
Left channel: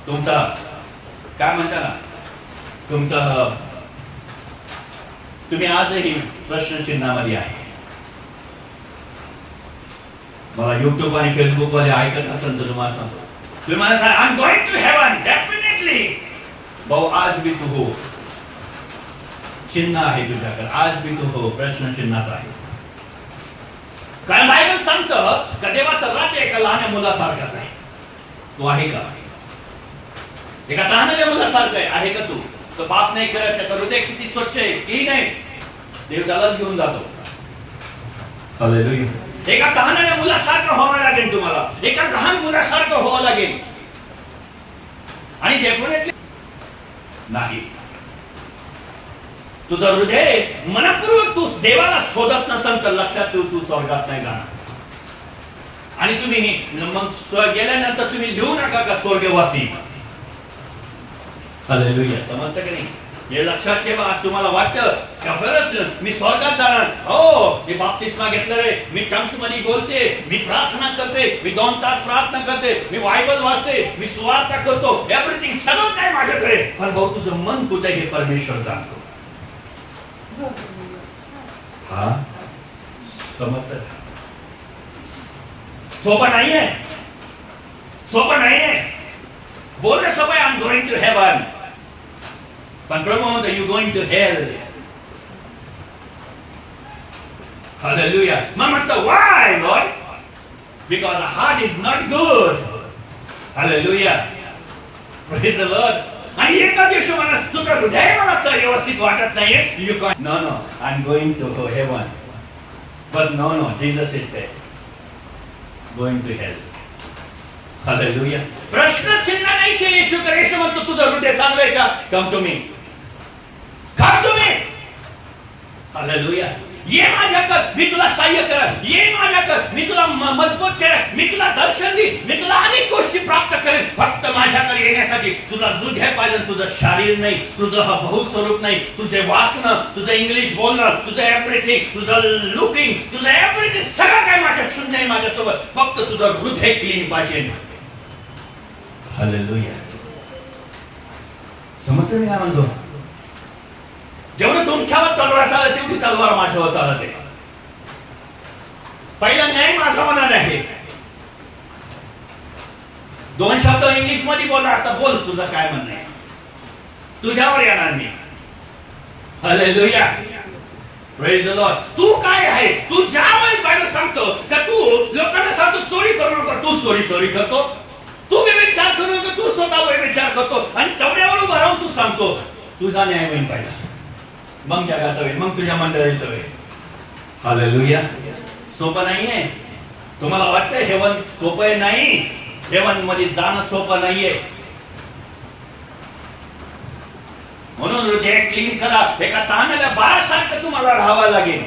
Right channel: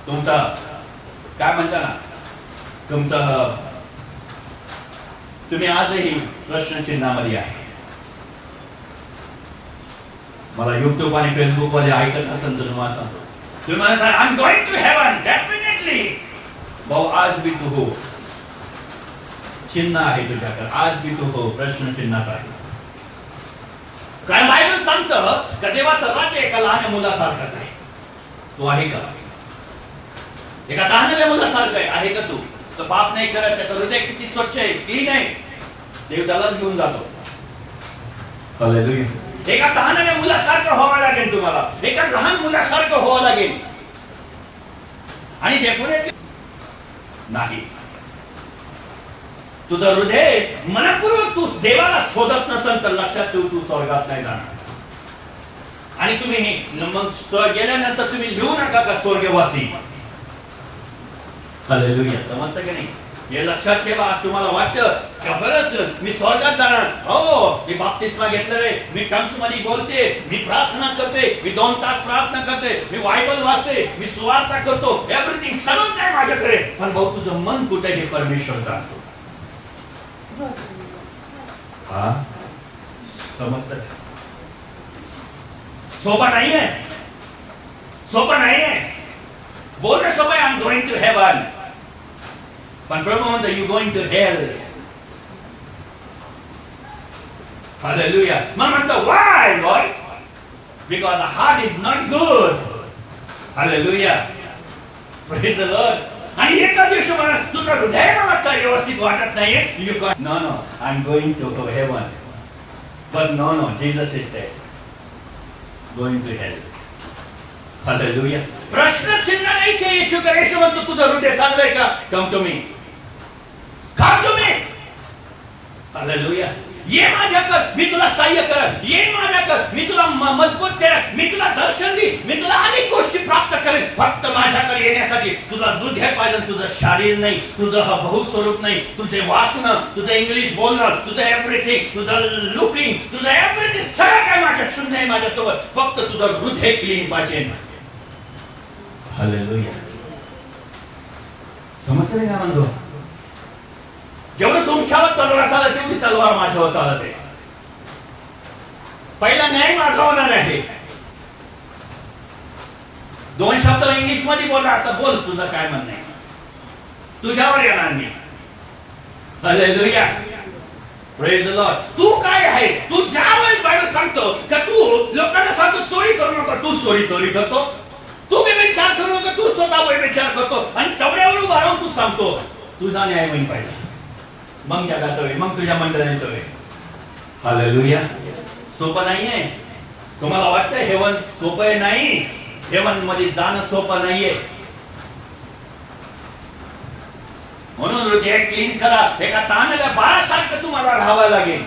तुमचा काय म्हणता ना, तुमचा तुम्ही आजही प्रश्नचिन्हामध्ये आहे. मला युट्यूब आणि फेसबुक वाले ऐकत असेल तर तुम्हाला सांगतो, तुम्ही म्हणत I am going to heaven definitely. भाऊ आज भी तू हो, चिन्ह आहे तुझ्याकडे, आज भी तू हो, प्रश्नचिन्हात आहे. कारण बायबल सांगतं का देवाचं राज्य एका लहान मुलासारखाच आहे. तू आहे का? एका लहान मुलासारखं आहे का तू? तो पाप नाही करत, त्याचं हृदय किती स्वच्छ आहे, क्लीन आहे, देव त्यालाच घेऊन जातो. हालेलुया. एका लहान मुलासारखं व्हावं लागेल तुम्हाला, एका लहान मुलासारखं व्हावं लागेल. आणि डेफिनेटली नाही, तुझं हृदय मनपूर्वक तू देवाला शोधत नसेल तर लक्षात ठेव तू स्वर्गात नाही जाणार. आणि तुम्ही मग गेल्यानंतर तुम्ही लिहू नका का स्वर्गवासी. हालेलुया. समजतं की नाही? हे लक्षात ठेवा. आज तुम्हाला वाटतं का खरंच मी स्वर्गात जाणार, हो मी बाप्तिस्मा घेतलेले, मी टंग्स मध्ये बोलते, मी प्रार्थना करते, मी 2 तास प्रार्थना करते, मी बायबल वाचते, मी सुवार्ता करतो, एव्हरीथिंग सगळं काय माझ्याकडे, पण भाऊ तुझं मन कुठे हे परमेश्वर जाणतो. हा समजतं? सोपं नाहीये, सोपं नाहीये. बोलणं सोपं आहे, I am going to heaven, पण प्रभू म्हणतो you going to hell. Hallelujah. मग म्हणतो why lord? Because the heart is not good. Hallelujah. Praise the lord. आणि एका दिवशी म्हणा तुझं हृदय मला व्यवस्थित वाटत नाहीये, you know no I am going to heaven. But no, Jesus is there. Going to hell. Hallelujah. प्रश्न चिन्ह नाही छे येशू करे. येशू म्हणतो तुझं हृदय चांगलंय का? Come to me. Come to me. Hallelujah. ये माझ्याकडे, मी तुला सहाय्य करेन. ये माझ्याकडे, मी तुला मजबूत करेन. मी तुला दर्शन देईन. मी तुला अनेक गोष्टी प्राप्त करेन. फक्त माझ्याकडे येण्यासाठी तुला हृदय पाहिजे, तुझं शरीर नाही, तुझं हा बहुस्वरूप नाही, तुझे वाचणं, तुझं इंग्लिश बोलणं, तुझं एव्हरीथिंग, तुझं लुकिंग, तुझं एव्हरीथिंग सगळं काय माझ्या शून्य आहे माझ्यासोबत. फक्त तुझं हृदय क्लीन पाहिजे. हालेलुया. समजते का म्हणतो? जेवढं तुमच्यावर तलवार चालत तेवढी तलवार माझ्यावर चालते. पहिला न्याय माझा होणार आहे. 2 शब्द इंग्लिश मध्ये बोला. आता बोल तुझं काय म्हणणं आहे. तुझ्यावर येणार मी. हालेलुया. Praise the lord. तू काय आहे? तू ज्यावेळेस बायबल सांगतो का तू लोकांना सांगतो चोरी करू नका, तू चोरी करतो. तू व्यभिचार करू नका, तू स्वतः व्यभिचार करतो. आणि चौऱ्यावर उभा राहून तू सांगतो तुझा न्याय होईल पाहिजे. मग जगाचं होईल, मग तुझ्या मंडळीचं होईल. हालेलुया. सोपं नाहीये. तुम्हाला वाटतं हेवन सोपं नाही? हेवन मध्ये जाणं सोपं नाहीये. म्हणून हृदय क्लीन करा. एका ताणल्या बाळासारखं तुम्हाला राहावं लागेल.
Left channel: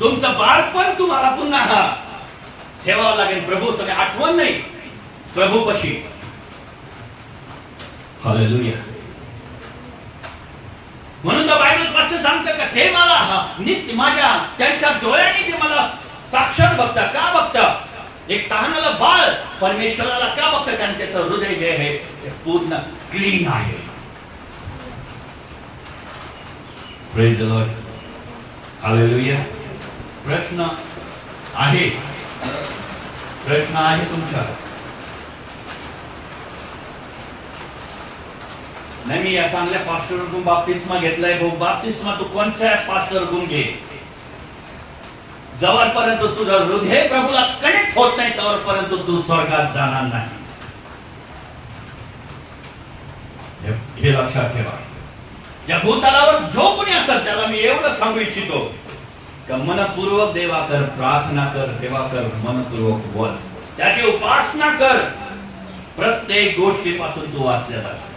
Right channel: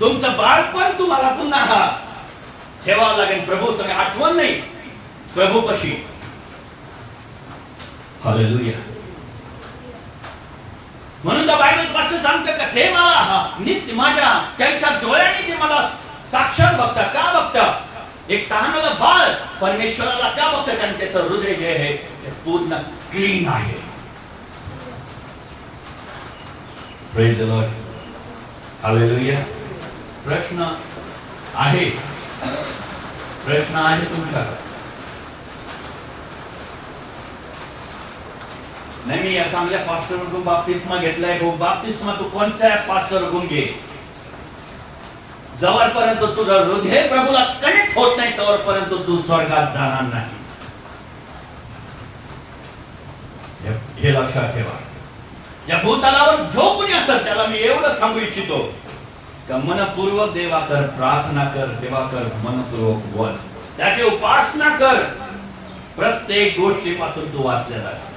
तुमचं बाळपण तुम्हाला पुन्हा ठेवावं लागेल. प्रभू तुम्ही आठवण नाही प्रभूपाशी. हालेलुया. म्हणून तर बायबल पासून सांगतं का ते मला नित्य माझ्या त्यांच्या डोळ्याने ते मला साक्षात बघता. का बघता? एक तहानलं बाळ परमेश्वराला का बघतं? कारण त्याचं हृदय जे आहे ते पूर्ण क्लीन आहे. Praise the Lord. हालेलुया. प्रश्न आहे तुमचा? नाही मी या चांगल्या पास्टरकडून बाप्तिस्मा घेतलाय. बाप्तिस्मा तू कोणत्या पास्टरकडून घे. जवळपर्यंत तुझं हृदय प्रभूला कनेक्ट होत नाही तोवरपर्यंत तू स्वर्गात जाणार नाही. हे लक्षात ठेवा. या भूतलावर जो कोणी असेल त्याला मी एवढं सांगू इच्छितो का मनपूर्वक देवाकर प्रार्थना कर. देवाकर मनपूर्वक बोल. त्याची उपासना कर. प्रत्येक गोष्टीपासून तू वाचलेला आहे.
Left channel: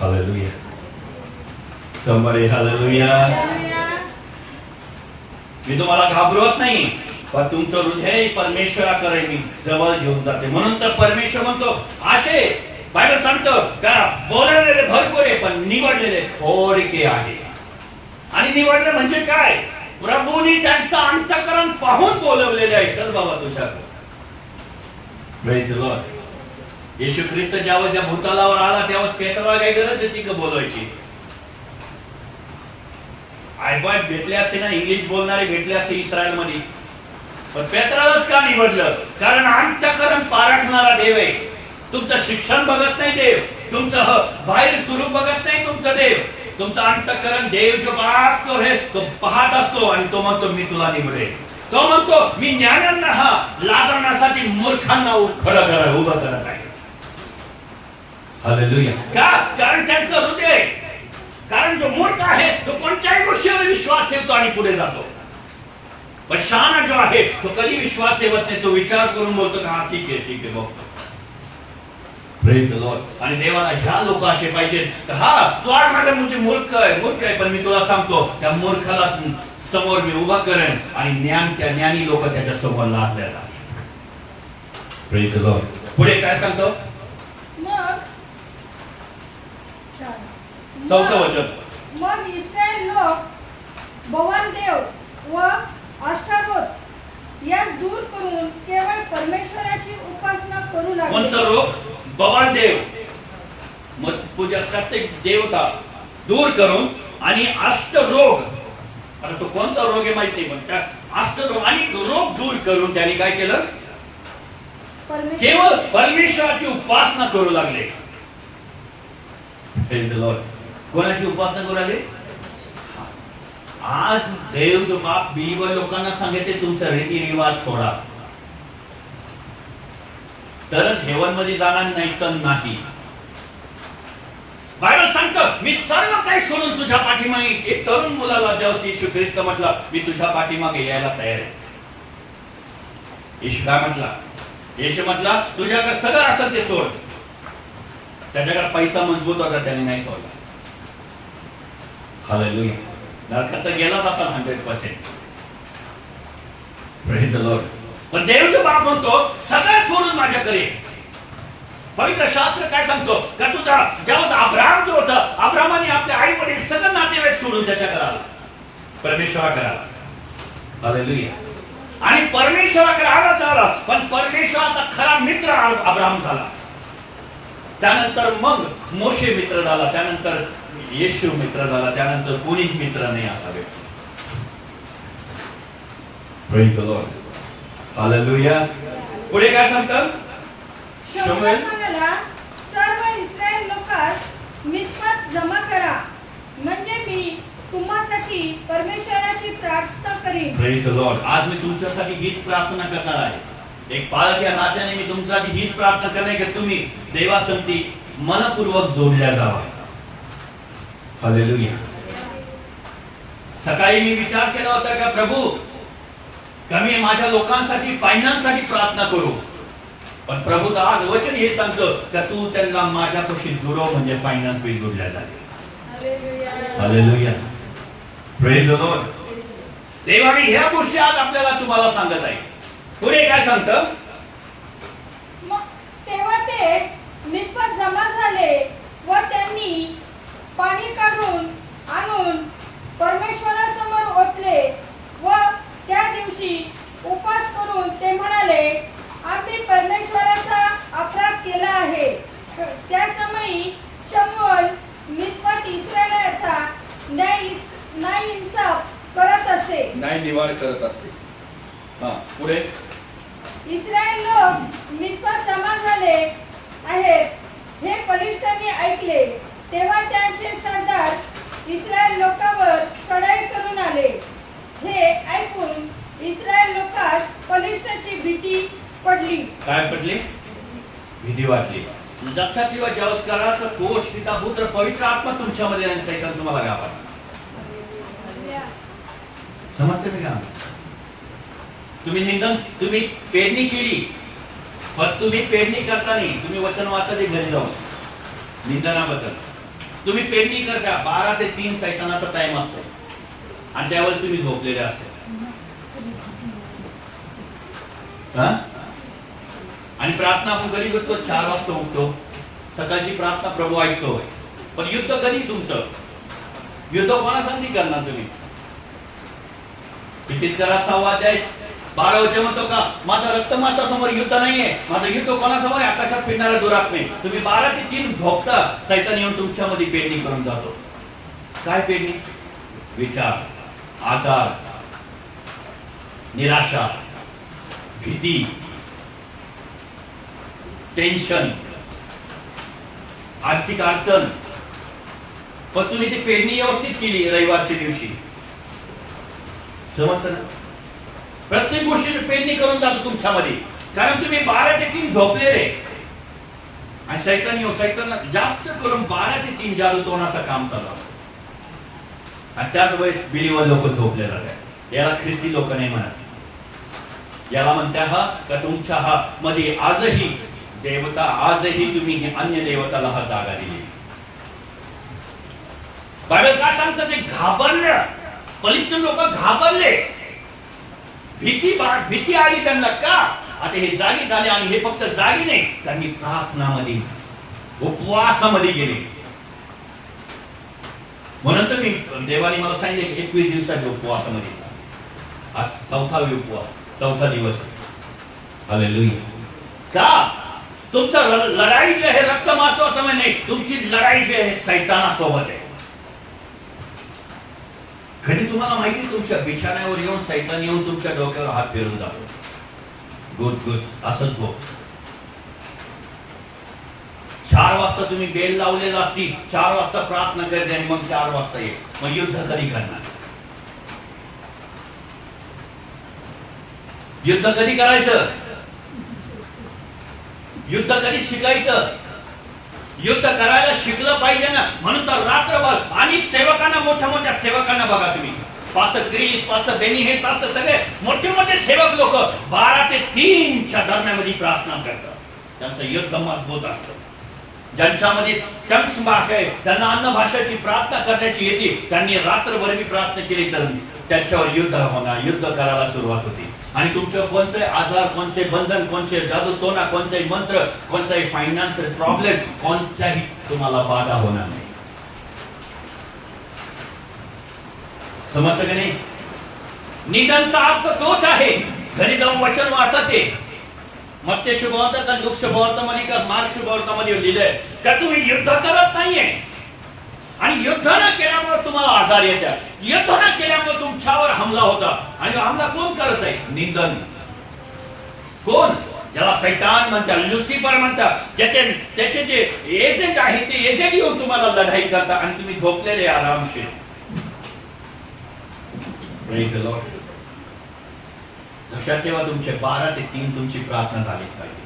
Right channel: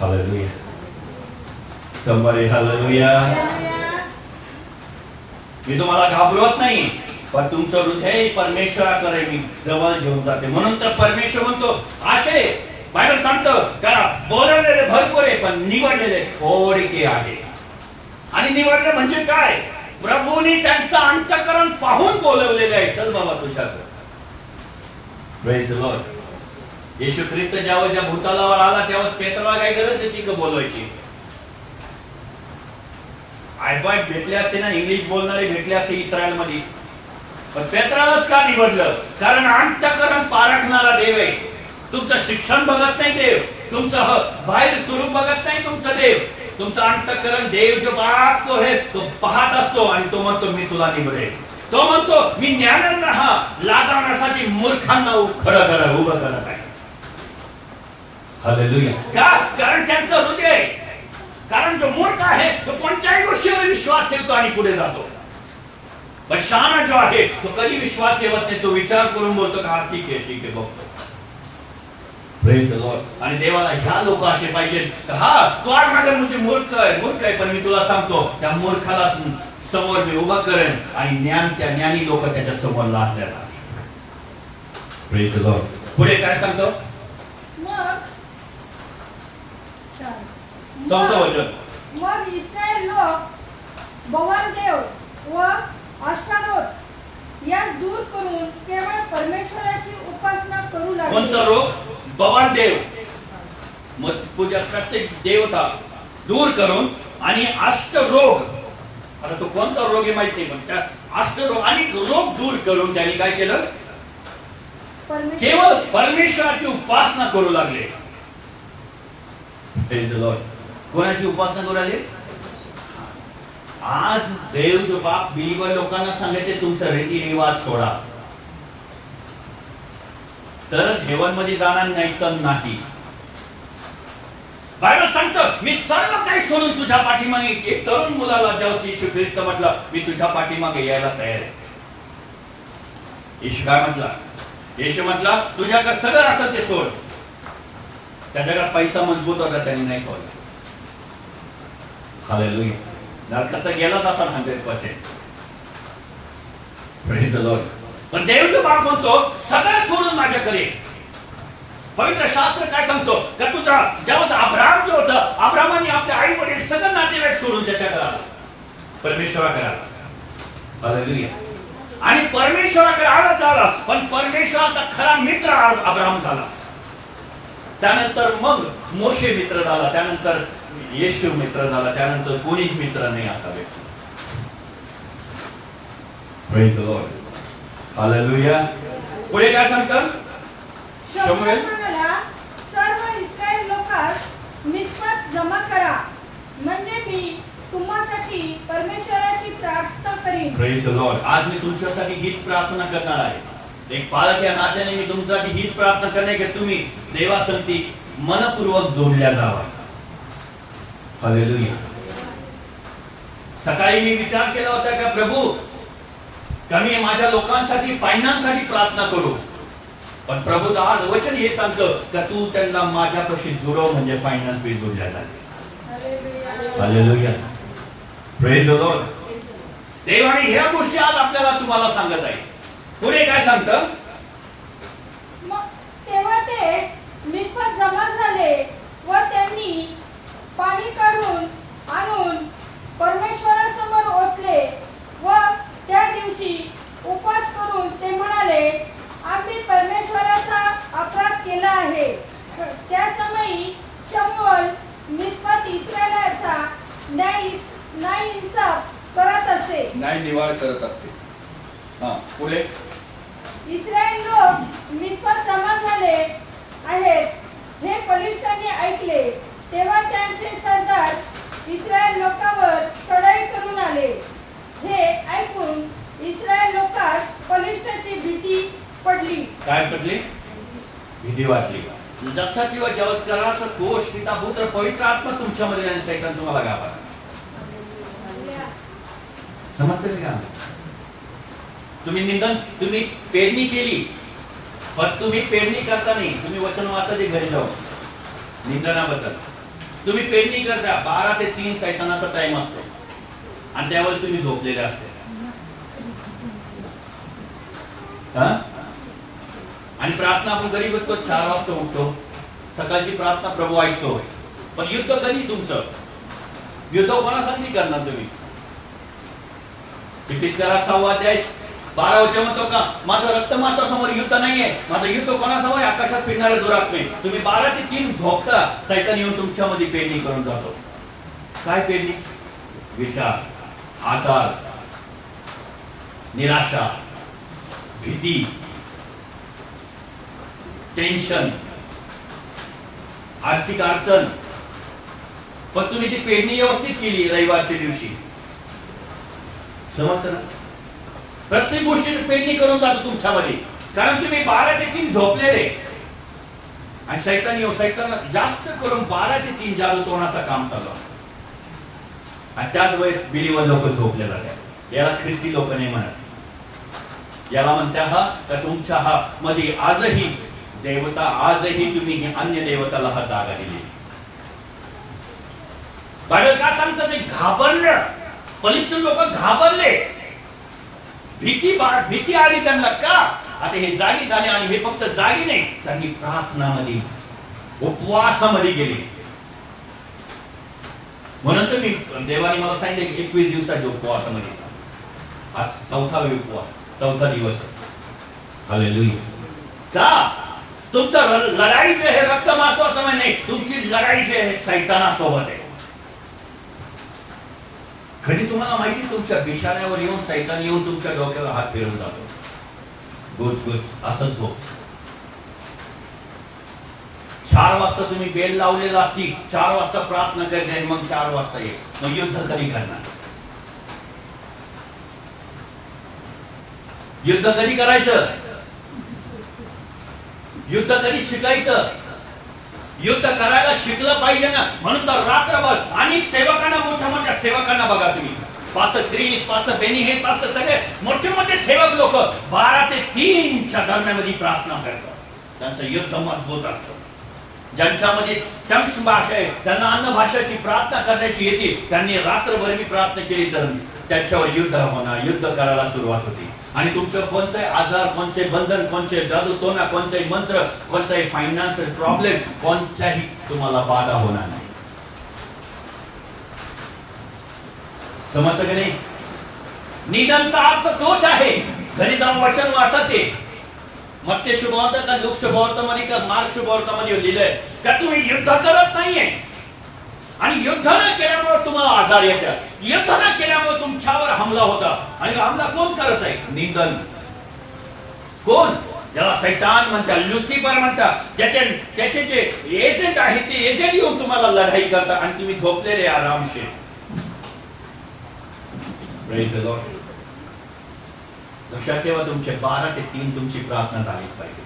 हालेलुया. Summary hallelujah. मी तुम्हाला घाबरवत नाही, पण तुमचं हृदय परमेश्वराकडे मी जवळ घेऊन जाते. म्हणून तर परमेश्वर म्हणतो असे बायबल सांगतो का बोललेले भरपूर आहे पण निवडलेले थोडके आहे. आणि निवडले म्हणजे काय? प्रभूने त्यांचं अंतःकरण पाहून बोलवलेले आहे. चल बाबा तुझ्याकडे. Praise the lord. Yeshu Khrist ज्यावेळेस त्या भूतलावर आला तेव्हा पेत्राला काय गरज होती का बोलवायची? आयबॉय भेटले असते ना, इंग्लिश बोलणारे भेटले असते इस्रायल मध्ये, पण पेत्रालाच का निवडलं? कारण अंतःकरण पारखणारा देव आहे. तुमचं शिक्षण बघत नाही देव, तुमचं बाहेर स्वरूप बघत नाही तुमचं देव. तुमचं अंतःकरण देव जो बाप तो है तो पाहत असतो आणि तो म्हणतो मी तुला निवडेल. तो म्हणतो मी ज्ञानांना लाजवण्यासाठी मूर्खांना खडं करा उभं करत आहे. हालेलुया. का? कारण त्यांचं हृदय, कारण जो मूर्ख आहे तो कोणत्याही गोष्टीवर विश्वास ठेवतो आणि पुढे जातो. पण शहाणा जो आहे तो कधी विश्वास ठेवत नाही. तो विचार करून बोलतो का ठीक आहे बघतो. Praise the lord. आणि देवाला ह्या लोक असे पाहिजेत. हा तू आज माझ्या म्हणजे मूर्ख आहे पण मी तुला सांगतो त्या मूर्खाला समोर मी उभा करेन आणि त्या ज्ञानी लोक त्याच्या समोर लादलेला. Praise the Lord. पुढे काय सांगतो? चौथं वचन. मग इस्रायल लोक बवाल देव व अष्टारोत यास दूर करून केवळ परमेश्वराची उपासना करू लागले. कोणता रोग? बवाल देव. मग पूजा प्रत्येक देवता दूर करून आणि अष्टरोग. आता तो कोणता रोग आहे माहिती नाही, पण त्या अष्टरोग आणि रोग दूर करून त्यांनी काय केलं? केवळ परमेश्वराची उपासना करू लागले. Praise the Lord. कोणाची उपासना करू लागले? आज देव जो बाप बिलीवर लोकांना सांगितले तुमचा रीतिरिवाज सोडा, तरच हेवन मध्ये जाणार नाही तर नाही. बायबल सांगतं मी सर्व काही सोडून तुझ्या पाठीमागे, एक तरुण मुलाला जेव्हा येशू ख्रिस्त म्हटलं मी तुझ्या पाठीमागे यायला तयार आहे. येशू काय म्हटला? येशू म्हटला तुझ्याकडे सगळं असेल ते सोड. त्याच्याकडे पैसा मजबूत होता, त्याने नाही सोडला. हालेलुया. नरकात तर गेलाच असा 100%. Praise the Lord. पण देवाचा बाप म्हणतो सगळं सोडून माझ्याकडे ये. पवित्र शास्त्र काय सांगतो का तुझा जेव्हा अब्राहम जो होता, अब्राहमाने आपले आई वडील सगळं नातेवाईक सोडून त्याच्याकडे आला, परमेश्वराकडे आला. हालेलुया. आणि परमेश्वराकडे आला, पण परमेश्वराचा खरा मित्र अब्राहम झाला. त्यानंतर मग मोशे मित्र झाला, त्यानंतर येशू मित्र झाला, त्यानंतर कोणीच मित्र नाही असा व्यक्ती. Praise the Lord. हालेलुया. पुढे काय सांगतात? शमूएल म्हणाला सर्व इस्रायल लोकांस मिस्पात जमा करा, म्हणजे मी तुम्हासाठी परमेश्वराची प्रार्थना करीन. Praise the Lord. आज मी तुमच्यासाठी हीच प्रार्थना करणार आहे. एक पालक या नात्याने मी तुमच्यासाठी हीच प्रार्थना करणे की तुम्ही देवासंती मनपूर्वक जोडल्या जावा. हालेलुया. सकाळी मी विचार केला होता का प्रभू कमी माझ्या लोकांसाठी फायनान्ससाठी प्रार्थना करू, पण प्रभू आज वचन हे सांगतं का तू त्यांना माझ्यापाशी जुळव, म्हणजे फायनान्स बी जोडल्या जाते. हालेलुया. Praise the Lord. देवाने ह्या गोष्टी आज आपल्याला तुम्हाला सांगत आहे. पुढे काय सांगतं? तेव्हा ते मिस्पात जमा झाले व त्यांनी पाणी काढून आणून परमेश्वरासमोर ओतले व त्या दिवशी उपवास करून ते म्हणाले आम्ही परमेश्वराचा अपराध केला आहे. त्या समयी शमूएल मिस्पात इस्रायलाचा न्याय इंसाफ करत असे, न्याय निवाड करत असते. पुढे इस्रायल लोक मिस्पात जमा झाले आहेत हे पलिष्ठांनी ऐकले. तेव्हा त्यांचे सरदार इस्रायल लोकांवर चढाई करून आले. हे ऐकून इस्रायल लोकांस पलिष्ठाची भीती पडली. काय पडली? भीती वाटली. लक्षात ठेवा ज्यावेळेस कराचा दोष पिता पुत्र पवित्र आत्मा तुमच्यामध्ये आणि सैतान तुम्हाला गावा. समजते का? तुम्ही पेरणी केली, पण तुम्ही पेरणी करता नाही. तुम्ही वचन वाचा ते घरी जाऊन निंदनाबद्दल. तुम्ही पेरणी करता 12 ते 3 सैतानाचा टाइम असतो आणि त्यावेळेस तुम्ही झोपलेले असते. आणि प्रार्थना आपण कधी करतो? 4 वाजता उठतो. सकाळची प्रार्थना प्रभू ऐकतो. पण युद्ध कधी तुमचं? युद्ध कोणासाठी करणार तुम्ही? कितीच करा 6 अध्याय 12 वचन म्हणतो का माझं रक्त मांसासमोर युद्ध नाहीये, माझं युद्ध कोणासमोर? आकाशात फिरणारे दुरात्मे. तुम्ही 12 ते 3 झोपता, सैतान येऊन तुमच्यामध्ये पेरणी करून जातो. काय पेरणी? विचार, आजार, निराशा, भीती, टेन्शन, आर्थिक अडचण. पण तुम्ही ती पेरणी व्यवस्थित केली रविवारच्या दिवशी. समजतं ना? प्रत्येक गोष्टीची पेरणी करून जातो तुमच्यामध्ये, कारण तुम्ही 12 ते 3 झोपलेले. आणि सैतान जास्त करून 12 ते 3 जादूटोणाचं काम चालू असतं. आणि त्याच वेळेस बिलीवर लोक झोपले जातात. याला ख्रिस्ती लोक नाही म्हणत. याला म्हणता हा का तुमच्या हा मध्ये आजही देवता, आजही तुम्ही अन्य देवताला हा जागा दिली. बायबल काय सांगतं? ते घाबरले. पलिष्ठीन लोक घाबरले. भीती आली त्यांना. का? आता हे जागी झाले आणि हे फक्त जागी नाही, त्यांनी प्रार्थनामध्ये उपवासामध्ये गेले. म्हणून तर मी देवाने मला सांगितले 21 दिवसाच्या उपवासामध्ये. आज 4था उपवास, 4था दिवस आहे. हालेलुया. का? तुमचं लढाई जे आहे रक्त मांसासमोर नाही, तुमची लढाई जी आहे सैतानासोबत आहे. कधी तुम्हाला माहिती तुमच्या बिछाण्यावर येऊन सैतान येऊन तुमच्या डोक्यावर हात फिरवून जातो. गुद असंच हो. 4 वाजता तुम्ही बेल लावलेला असती, 4 वाजता प्रार्थना करते आणि मग 4 वाजता ये. मग युद्ध कधी करणार? युद्ध कधी करायचं? युद्ध कधी शिकायचं? युद्ध करायला शिकलं पाहिजे ना, म्हणून तर रात्रभर अनेक सेवकांना, मोठ्या मोठ्या सेवकांना बघा तुम्ही, पास्टर क्रिस, पास्टर बेनी, हे पास्टर सगळे मोठे मोठे सेवक लोक 12 ते 3च्या दरम्यान प्रार्थना करतात. त्यांचं युद्ध मजबूत असतं. ज्यांच्यामध्ये टंग्स भाषा आहे, त्यांना अन्न भाषेची प्रार्थना करण्याची येते, त्यांनी रात्रभर मी प्रार्थना केली तर त्यांच्यावर युद्ध होणार, युद्ध करायला सुरुवात होती. आणि तुमचं कोणते आजार, कोणते बंधन, कोणते जादूटोना, कोणते मंत्र, कोणताही फायनान्शियल प्रॉब्लेम, कोणत्याही तुम्हाला बाधा होणार नाही. समजतं की नाही? निधनचा अर्थ तोच आहे. घरी जाऊन वचन वाचते, मत्ते शुभवार्ता का लूक शुभवार्तामध्ये का मार्क शुभवार्तामध्ये लिहिलंय का तुम्ही युद्ध करत नाहीये, आणि युद्ध न केल्यामुळे तुम्हाला आजार येतात, युद्ध न केल्यामुळे तुमच्यावर हमला होता. आणि हमला कोण करत आहे? निंदन. कोण? ज्याला शैतान म्हणतात, लुसिफर म्हणतात, त्याचे जे एजंट आहे ते एजंट येऊन तुम्हाला लढाई करतात आणि तुम्ही झोपलेले आरामशीर. Praise the Lord. लक्षात ठेवा, तुमचे 12 ते 3 तुमची प्रार्थना झालीच पाहिजे.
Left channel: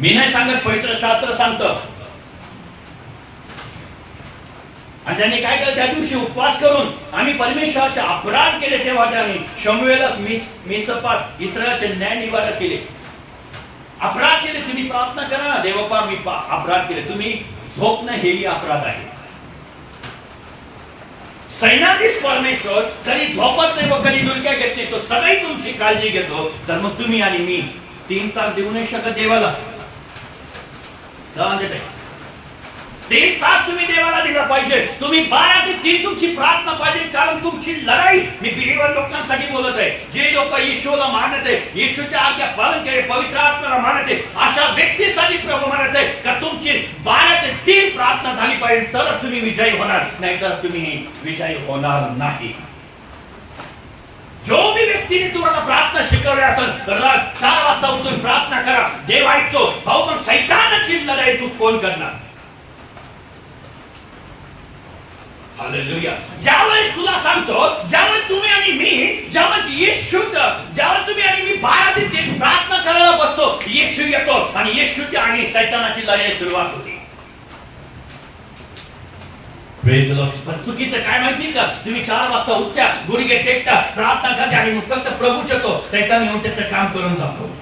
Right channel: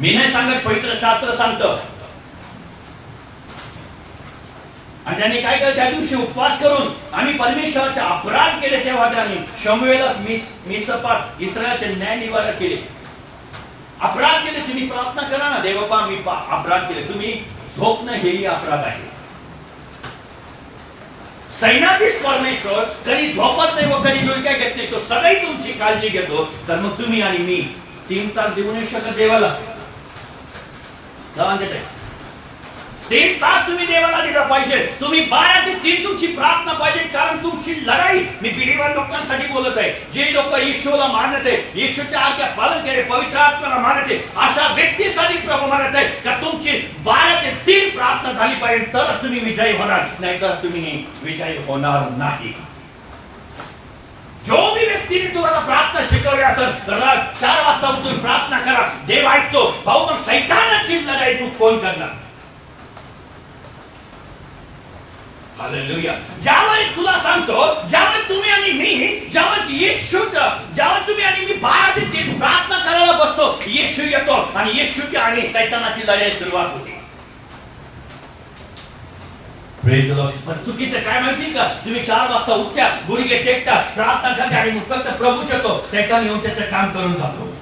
मी नाही सांगत, पवित्र शास्त्र सांगतं. आणि त्यांनी काय केलं, त्या दिवशी उपवास करून आम्ही परमेश्वराचे अपराध केले, तेव्हा त्यांनी शमूएला मिसपात इस्रायलचे न्याय निवाडा केले. अपराध केले, तुम्ही प्रार्थना करा ना, देवपा मी अपराध केले. तुम्ही झोपणं हेही अपराध आहे. सैन्याधीश परमेश्वर कधी झोपत नाही व कधी डुलक्या घेत नाही, तो सदैव तुमची काळजी घेतो. तर मग तुम्ही आणि मी 3 तास देऊ नाही शकत देवाला? 3 तास तुम्ही देवाला दिला पाहिजे. तुम्ही 12 ते 3 तुमची प्रार्थना पाहिजे, कारण तुमची लढाई, मी बिलीवर लोकांसाठी बोलत आहे, जे लोक येशूला मानत आहे, येशूच्या आज्ञा पालन केले, पवित्र आत्म्याला मानत आहे, अशा व्यक्तीसाठी प्रभू म्हणत आहे का तुमची 12 ते 3 प्रार्थना झाली पाहिजे, तरच तुम्ही विजयी होणार, नाहीतर तुम्ही विजयी होणार नाही. जो भी व्यक्तीने तुम्हाला प्रार्थना शिकवली असेल, तर 4 वाजता उठून प्रार्थना करा, देव ऐकतो. भाऊ, पण सैतानाची लढाई तू कोण करणार? हालेलुया. ज्यावेळी तुला सांगतो, ज्यावेळी तुम्ही आणि मी, ज्यावेळी येशू, ज्यावेळी तुम्ही आणि मी 12 ते 3 प्रार्थना करायला बसतो, येशू येतो आणि येशूची आणि सैतानाची लढाई सुरुवात होते. Praise the Lord. पण चुकीचं काय माहिती का, तुम्ही 4 वाजता उठत्या, गुडघे टेकता, प्रार्थना करता आणि फक्त प्रभूच येतो, सैतान येऊन त्याचं काम करून जातो.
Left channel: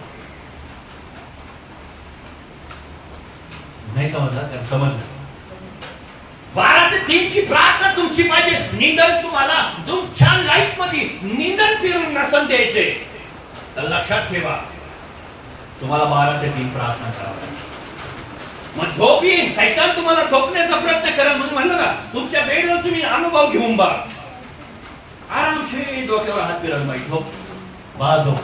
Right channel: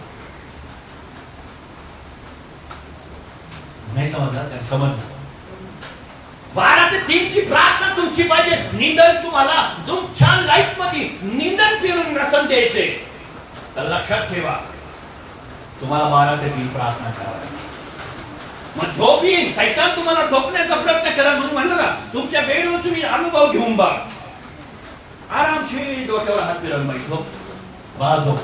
नाही समजलं का? समजलं. 12 ते 3 ची प्रार्थना तुमची पाहिजे. निंदन तुम्हाला तुमच्या लाईफ मध्ये निंदन फिरून नसन द्यायचे, तर लक्षात ठेवा, तुम्हाला 12 ते 3 प्रार्थना करावी. मग झोप येईल, सैतान तुम्हाला झोपण्याचा प्रयत्न करा. म्हणून म्हणलं ना, तुमच्या बेडवर तुम्ही अनुभव घेऊन बघा, आरामशीर डोक्यावर हात फिरवून बाई झोप, बा झोप.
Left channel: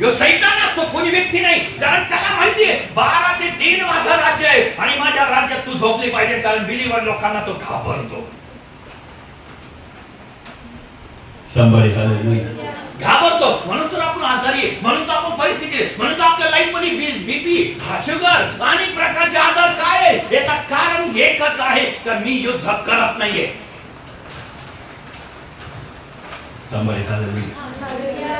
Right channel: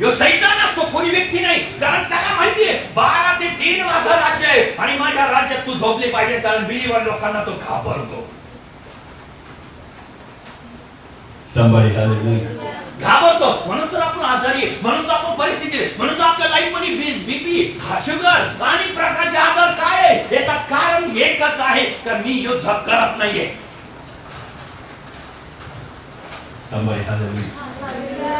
यो सैतान असतो, कोणी व्यक्ती नाही, कारण त्याला माहितीये 12 ते 3 माझा राज्य आहे आणि माझ्या राज्यात तू झोपले पाहिजे, कारण बिलीवर लोकांना तो घाबरतो. घाबरतो, म्हणून तर आपण आजारी आहे, म्हणून तर आपण परिस्थिती आहे, म्हणून तर आपल्या लाईफ मध्ये बीपी, शुगर आणि प्रकारचे आजार काय आहे? याचं कारण एकच आहे, तर मी युद्ध करत नाहीये.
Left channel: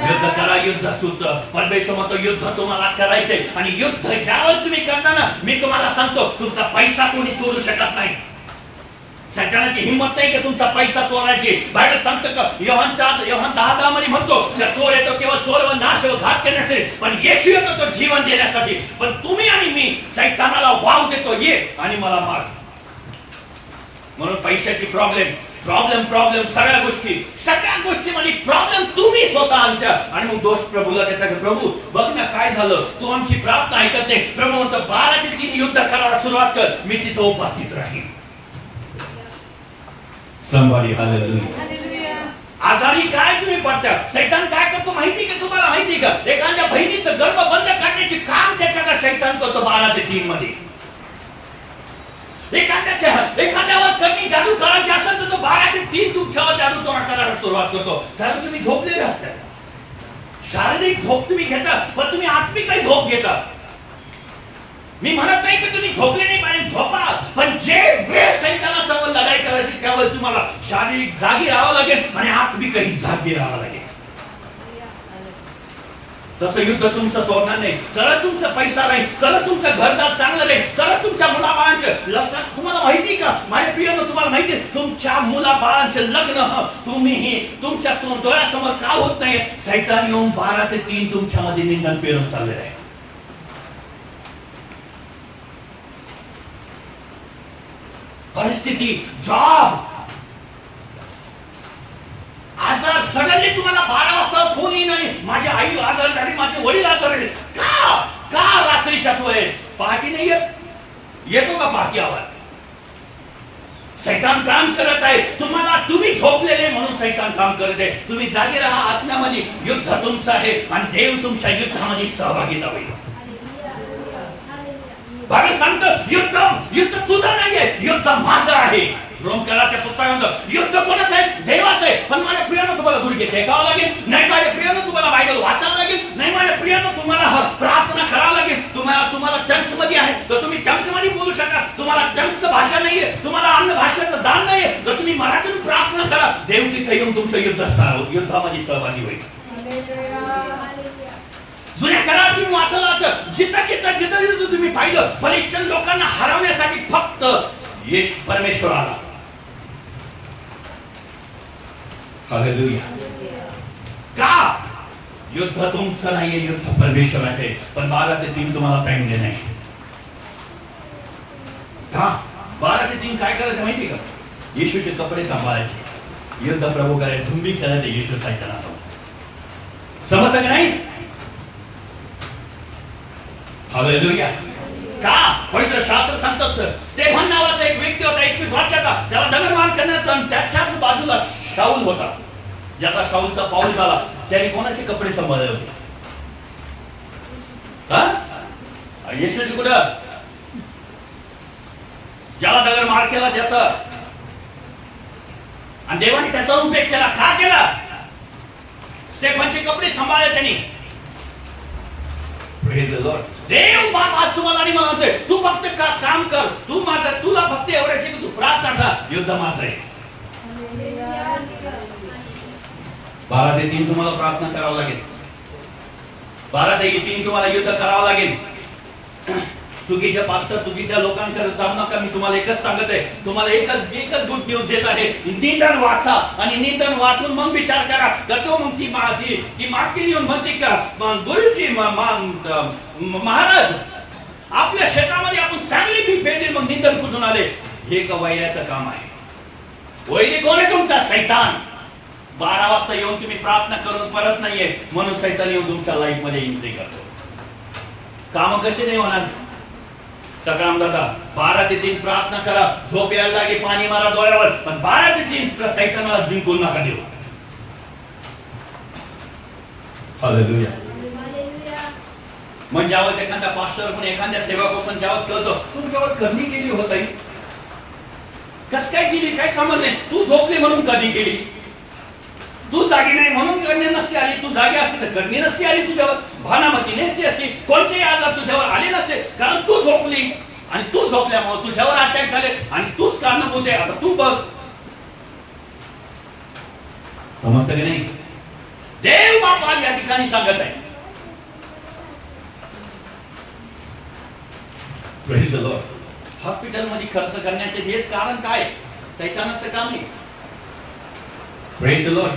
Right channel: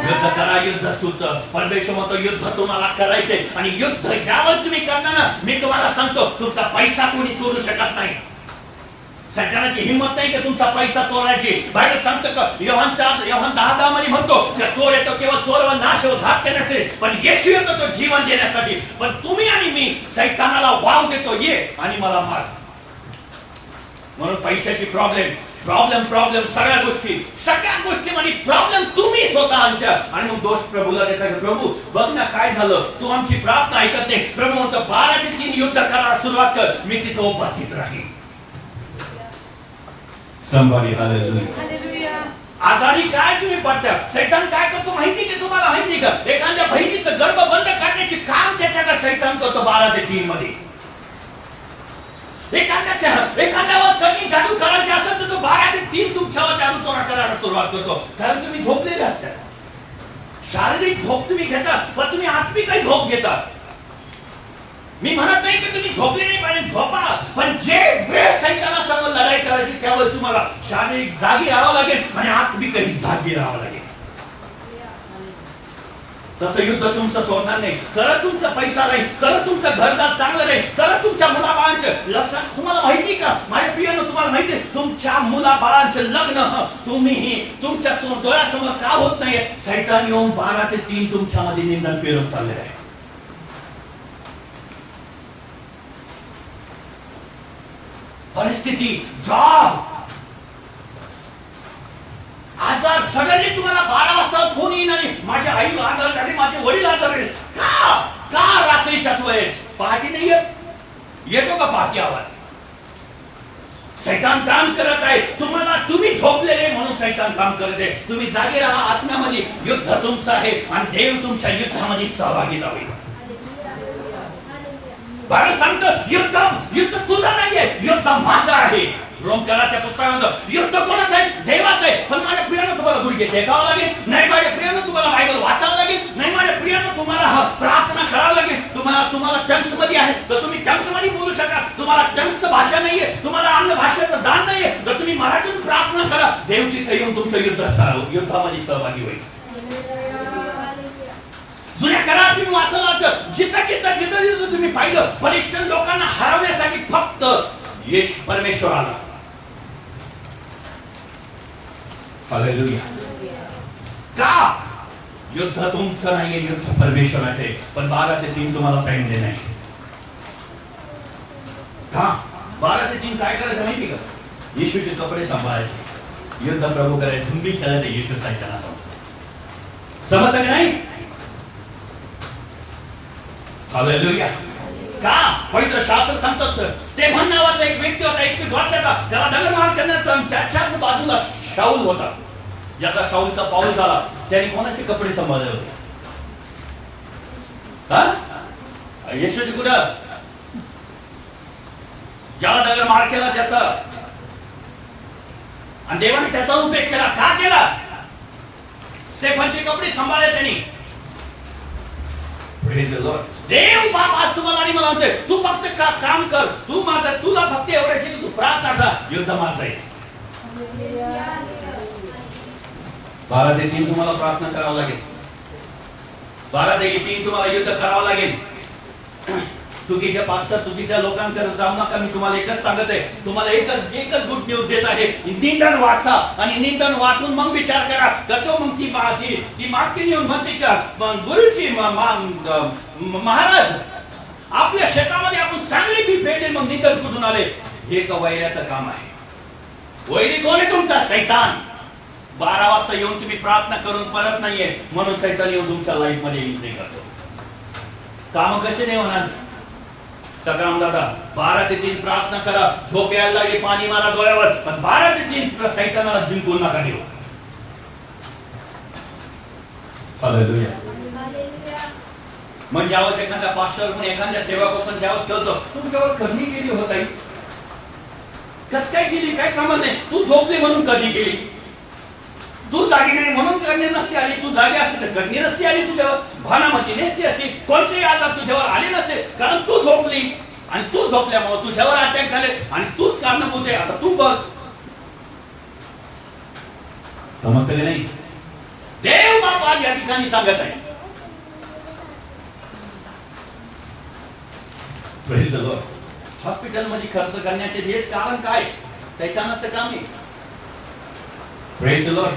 युद्ध करा, युद्ध सुद्ध. परमेश्वर म्हणतो युद्ध तुम्हाला करायचंय, आणि युद्ध ज्यावर तुम्ही करणार ना, मी तुम्हाला सांगतो, तुमचा पैसा कोणी चोरू शकत नाही. सरकारची हिंमत नाही की तुमचा पैसा चोरायची. बायबल सांगतं का, योहान 10:10 मध्ये म्हणतो, चोर येतो केवळ चोर व नाश व घात करण्यासाठी, पण येशू येतो तो जीवन देण्यासाठी. पण तुम्ही आणि मी सैतानाला वाव देतो, ये आणि मला मार. म्हणून पैशाची प्रॉब्लेम सगळ्या गोष्टीमध्ये प्रॉब्लेम तुम्ही स्वतः आणता आणि मग दोष प्रभूला देता की प्रभू बघ ना काय झालं, तू आमची प्रार्थना ऐकत नाही. प्रभू म्हणतो 12 ते 3 युद्ध करायला सुरुवात कर, मी तिथे उपस्थित राहील. Somebody hallelujah. आजारी काय तुम्ही पडता, सैतान काय करतो माहिती की तुम्हाला माहिती का? एखाद्या बहिणीचं गर्भ बंद करण्याचे काम त्याच्याकडे सैतान करतो 12 ते 3 मध्ये. एखाद्यावर कधी जादू करायची असेल तर तो 12 ते 3 तुमच्यावर जादू तोडा करायला सुरुवात करतो, कारण तुम्ही झोपलेले असता. शारीरिक झोप तुम्ही घेता, पण तुम्ही आत्मिक झोप घेता. मी म्हणत नाही की तुम्ही झोपले नाही पाहिजे, झोपा, पण जे वेळ सैतानासमोर लढाई करायची त्यावेळेस तुम्हाला शारीरिक जागी राहावं लागेल आणि आत्मिकही जागी राहावं लागेल. तसं युद्ध तुमचं सोडणार नाही. चला तुमचा पैसा नाही, चला तुमचं घरदार चांगलं नाही, चला तुमच्या मुलाबाळांचं लक्षात. तुम्हाला माहिती का माझ्या प्रियानं, तुम्हाला माहिती आहे तुमच्या मुलाबाळांचे लग्न तुम्ही तुमच्या डोळ्यासमोर का होत नाहीये? सैतान येऊन 12 ते 3 तुमच्यामध्ये निंदन पेरत चाललेलं आहे. परिस्थिती, जॉब, आजार, सडनली तुम्हाला 12 वाजता फोन येईन आणि माझी आई आजार झाली, माझे वडील आजार झाले. का रात्रीच्याच वेळेस? पहाटे नाही येतो का पहाटे आवाज? सैतान काम करत आहे तुम्हाला. तुम्ही झोपलेले म्हणून सैतान काम करत आहे. तुम्ही जागे राहा. आत्म्यामध्ये युद्ध तुमचं आहे आणि देव तुमच्या युद्धामध्ये सहभागी होईल. बाबा सांगतो युद्ध तुझं नाहीये, युद्ध माझं आहे. रोमकराच्या पुस्तकामध्ये युद्ध कोणाचं आहे? देवाचं आहे. पण माझ्या प्रियानं तुम्हाला गुडघे टेकावं लागेल. नाही माझ्या प्रियानं तुम्हाला बायबल वाचावं लागेल. नाही माझ्या प्रियानं तुम्हाला प्रार्थना करावं लागेल. तुम्हाला टंग्स मध्ये आहे तर तुम्ही टंग्स मध्ये बोलू शका. तुम्हाला टंग्स भाषा नाहीये, तुम्हाला अन्न भाषेचं दान नाहीये तर तुम्ही मराठीतून प्रार्थना करा. देव तिथे येऊन तुमचं युद्धामध्ये सहभागी होईल. जुन्या काळात तुम्ही वाचलं होतं, जिथं तुम्ही पाहिलं बलिष्ठ लोकांना हरवण्यासाठी फक्त येशू परमेश्वर आला. हालेलुया. का? युद्ध तुमचं नाहीये, युद्ध परमेश्वराचे. पण 12 ते 3 तुम्हाला टाइम देणार नाही. का 12 ते 3 काय करायचं माहिती का? येशूचे कपडे सांभाळायचे, युद्ध प्रभू करायचे, तुम्ही खेळायचे येशू साहित्याला. समजतं का नाही? हालेलुया. का? पवित्र शास्त्र सांगतात स्टेफन नावाचा एक व्यक्ती होता 21 वर्षाचा, त्याला दगडमार करण्याचा आणि त्याच्याच बाजूला शाऊल होता. ज्याचा शाऊलचा पाऊल झाला त्याने कोणाचे कपडे सांभाळले होते? येशूची कुठं? ज्याला दगडमार केला त्याचा, आणि देवाने त्याचा उपयोग केला. का केला? स्टेफनचे कपडे सांभाळले त्यांनी. देव बाप आज तुम्हाला आणि मला म्हणतोय तू फक्त काम कर, तुला फक्त एवढंच आहे की तू प्रार्थना कर. युद्ध माझं आहे. 12 ते 3 तुम्हाला प्रार्थना करावं लागेल. 12 ते 3 तुम्हाला युद्ध करावं लागेल. चुकीच्या पास्टर, चुकीच्या लोकांकडे जाऊ नका. मी तुम्हाला एकच सांगत आहे, तुम्हाला एकच गुड न्यूज देत आहे. निंदन वाचा आणि निंदन वाचून मग विचार करा. तो मग ती मागची येऊन म्हणते का गुरुजी महाराज आपल्या शेतामध्ये आपण चांगली बी पेरली, मग निंदन कुठून आले? हे का वैऱ्याचं काम आहे? वैरी कोण आहे? तुमचा सैतान. 12 वाजता येऊन तुम्ही प्रार्थना करून परत नाहीये म्हणून सैतान येऊन तुमच्या लाईफ मध्ये एंट्री करतो. काम कसे नाही होणार? सकाराम दादा 12 ते 3 प्रार्थना करा. झोप यायला लागली पाणी मारा डोळ्यावर, पण 12 ते 3 सैतानाला जिंकून नका देऊ. हालेलुया. म्हणजे ज्यावेळेस एखादा पास्टर पण एखाद्या सेवक पण ज्यावेळेस कळतो तुमच्यावर कधी केली होत आहे, कस काय केली, काय समज नाही. तू झोपली म्हणून कधी केली? तू जागी नाही म्हणून करणे नसते आली. तू जागी असते तर करणे नसते आली तुझ्यावर. भानामती नसते अशी कोणतेही आजार तुझ्यावर आले नसते, कारण तू झोपली आणि तू झोपल्यामुळे तुझ्यावर अटॅक झाले आणि तूच कारणीभूत आहे. आता तू बघ. समजतं की नाही? देव बाप आज या ठिकाणी सांगत आहे. हॉस्पिटल मध्ये खर्च करण्याचे हेच कारण काय? सैतानाचं काम आहे. Praise the Lord.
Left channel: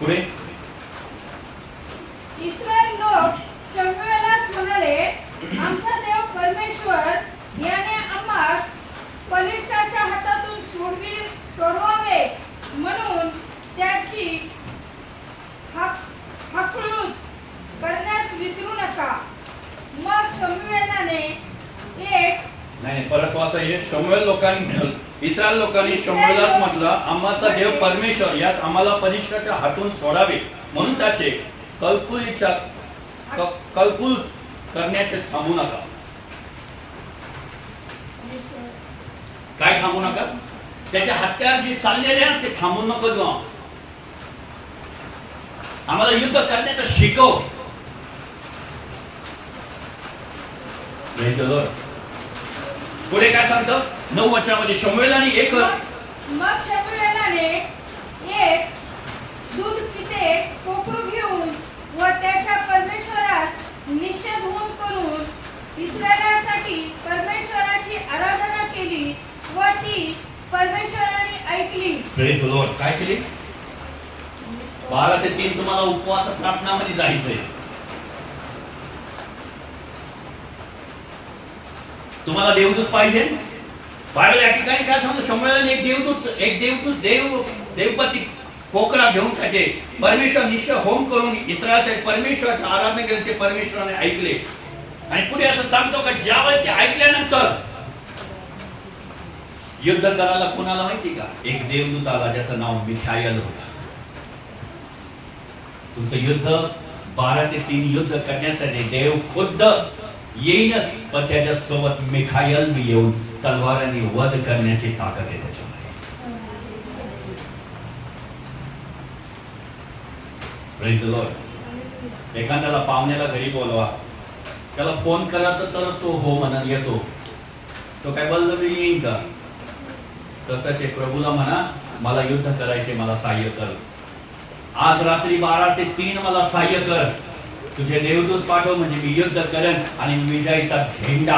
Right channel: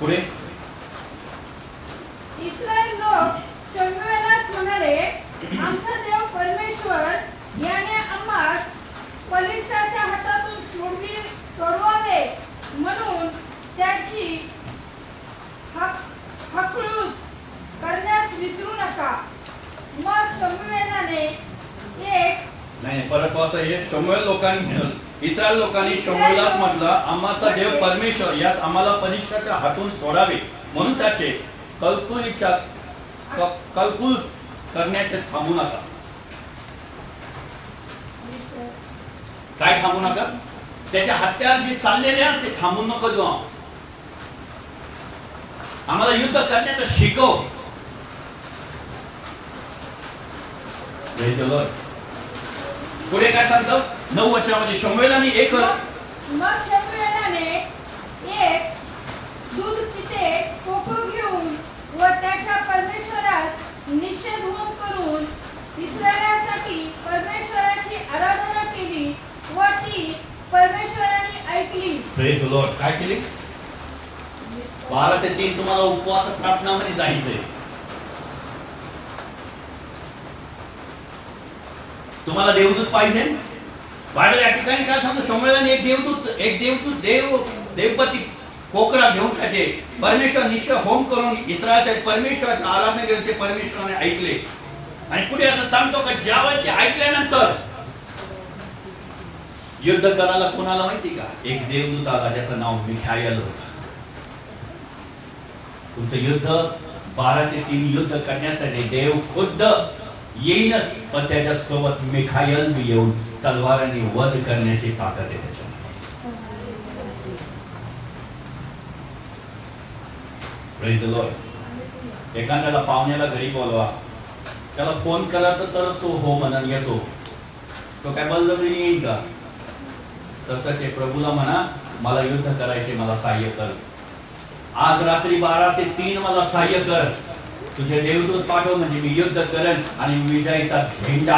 पुढे इस्रायल लोक शमूएलास म्हणाले, आमचा देव परमेश्वर याने आम्हास बलिष्ठाच्या हातातून सोडवावे म्हणून त्याची हकलूत करण्यास विसरू नका. मग शमूएलाने नाही परत वाचा. हे शमूएल लोकांनी, इस्रायल लोकांनी शमूएलास म्हटलं, आम्हाचा देव परमेश्वर यास आम्हाला बलिष्ठाच्या हातून सोडावे म्हणून त्याचे कलकुल करण्याचे थांबू नका. काय थांबू नका? त्याच्या हत्यार जे चाललेले आहेत ते थांबू नको देऊ. आम्हाला युद्ध करण्याचं शिकव. पुढे काय सांगतो 9 वचनामध्ये शमूएलाने एक मग शमूएलाने एक दूध पिते कोकरू घेऊन व त्याच्या परमेश्वरास निषेध होम करून इस्रायलासाठी परमेश्वराची आराधना केली व ती परमेश्वराने ऐकली. Praise the lord. काय केली? 12 ते 3 तुम्हाला उपवास प्रार्थनामध्ये जायचंय. तुम्हाला देवदूत पाहिजे. बाहेर या ठिकाणी काय सांगतो, शमूएलाने एक देवदूत देवपती कोकरा घेऊन त्याचे परमेश्वर निश्चय होम करून इस्रायलसाठी परमेश्वराची आराधना केली. ते परमेश्वराने ऐकले. आणि पुढे असं सांगतो का ज्यावेळेस ते ऐकल्यानंतर युद्ध करायला कोणाला माहिती का? एक देवदूत आला ज्याचं नाव मिखायल होता. तुमचं युद्ध 12 ते 3 युद्ध करण्यासाठी देव खुद्द येईनच, पण त्याच्या सोबत मिखायल बी येऊन तलवाराने वध करण्याची ताकद आहे त्याच्यामध्ये. Praise the Lord. एखाद्याला पाहुण्याला घरी बोलवा, त्याला फोन करा तर तो हो म्हणा येतो. तो काय बळजबरी येईल का? तसंच आहे, प्रभूला म्हणा मला युद्ध करायचे, मला सहाय्य कर. आज रात्री 12 ते 3 मला सहाय्य कर. तुझे देवदूत पाठव म्हणजे मी युद्ध करेन आणि विजयाचा झेंडा,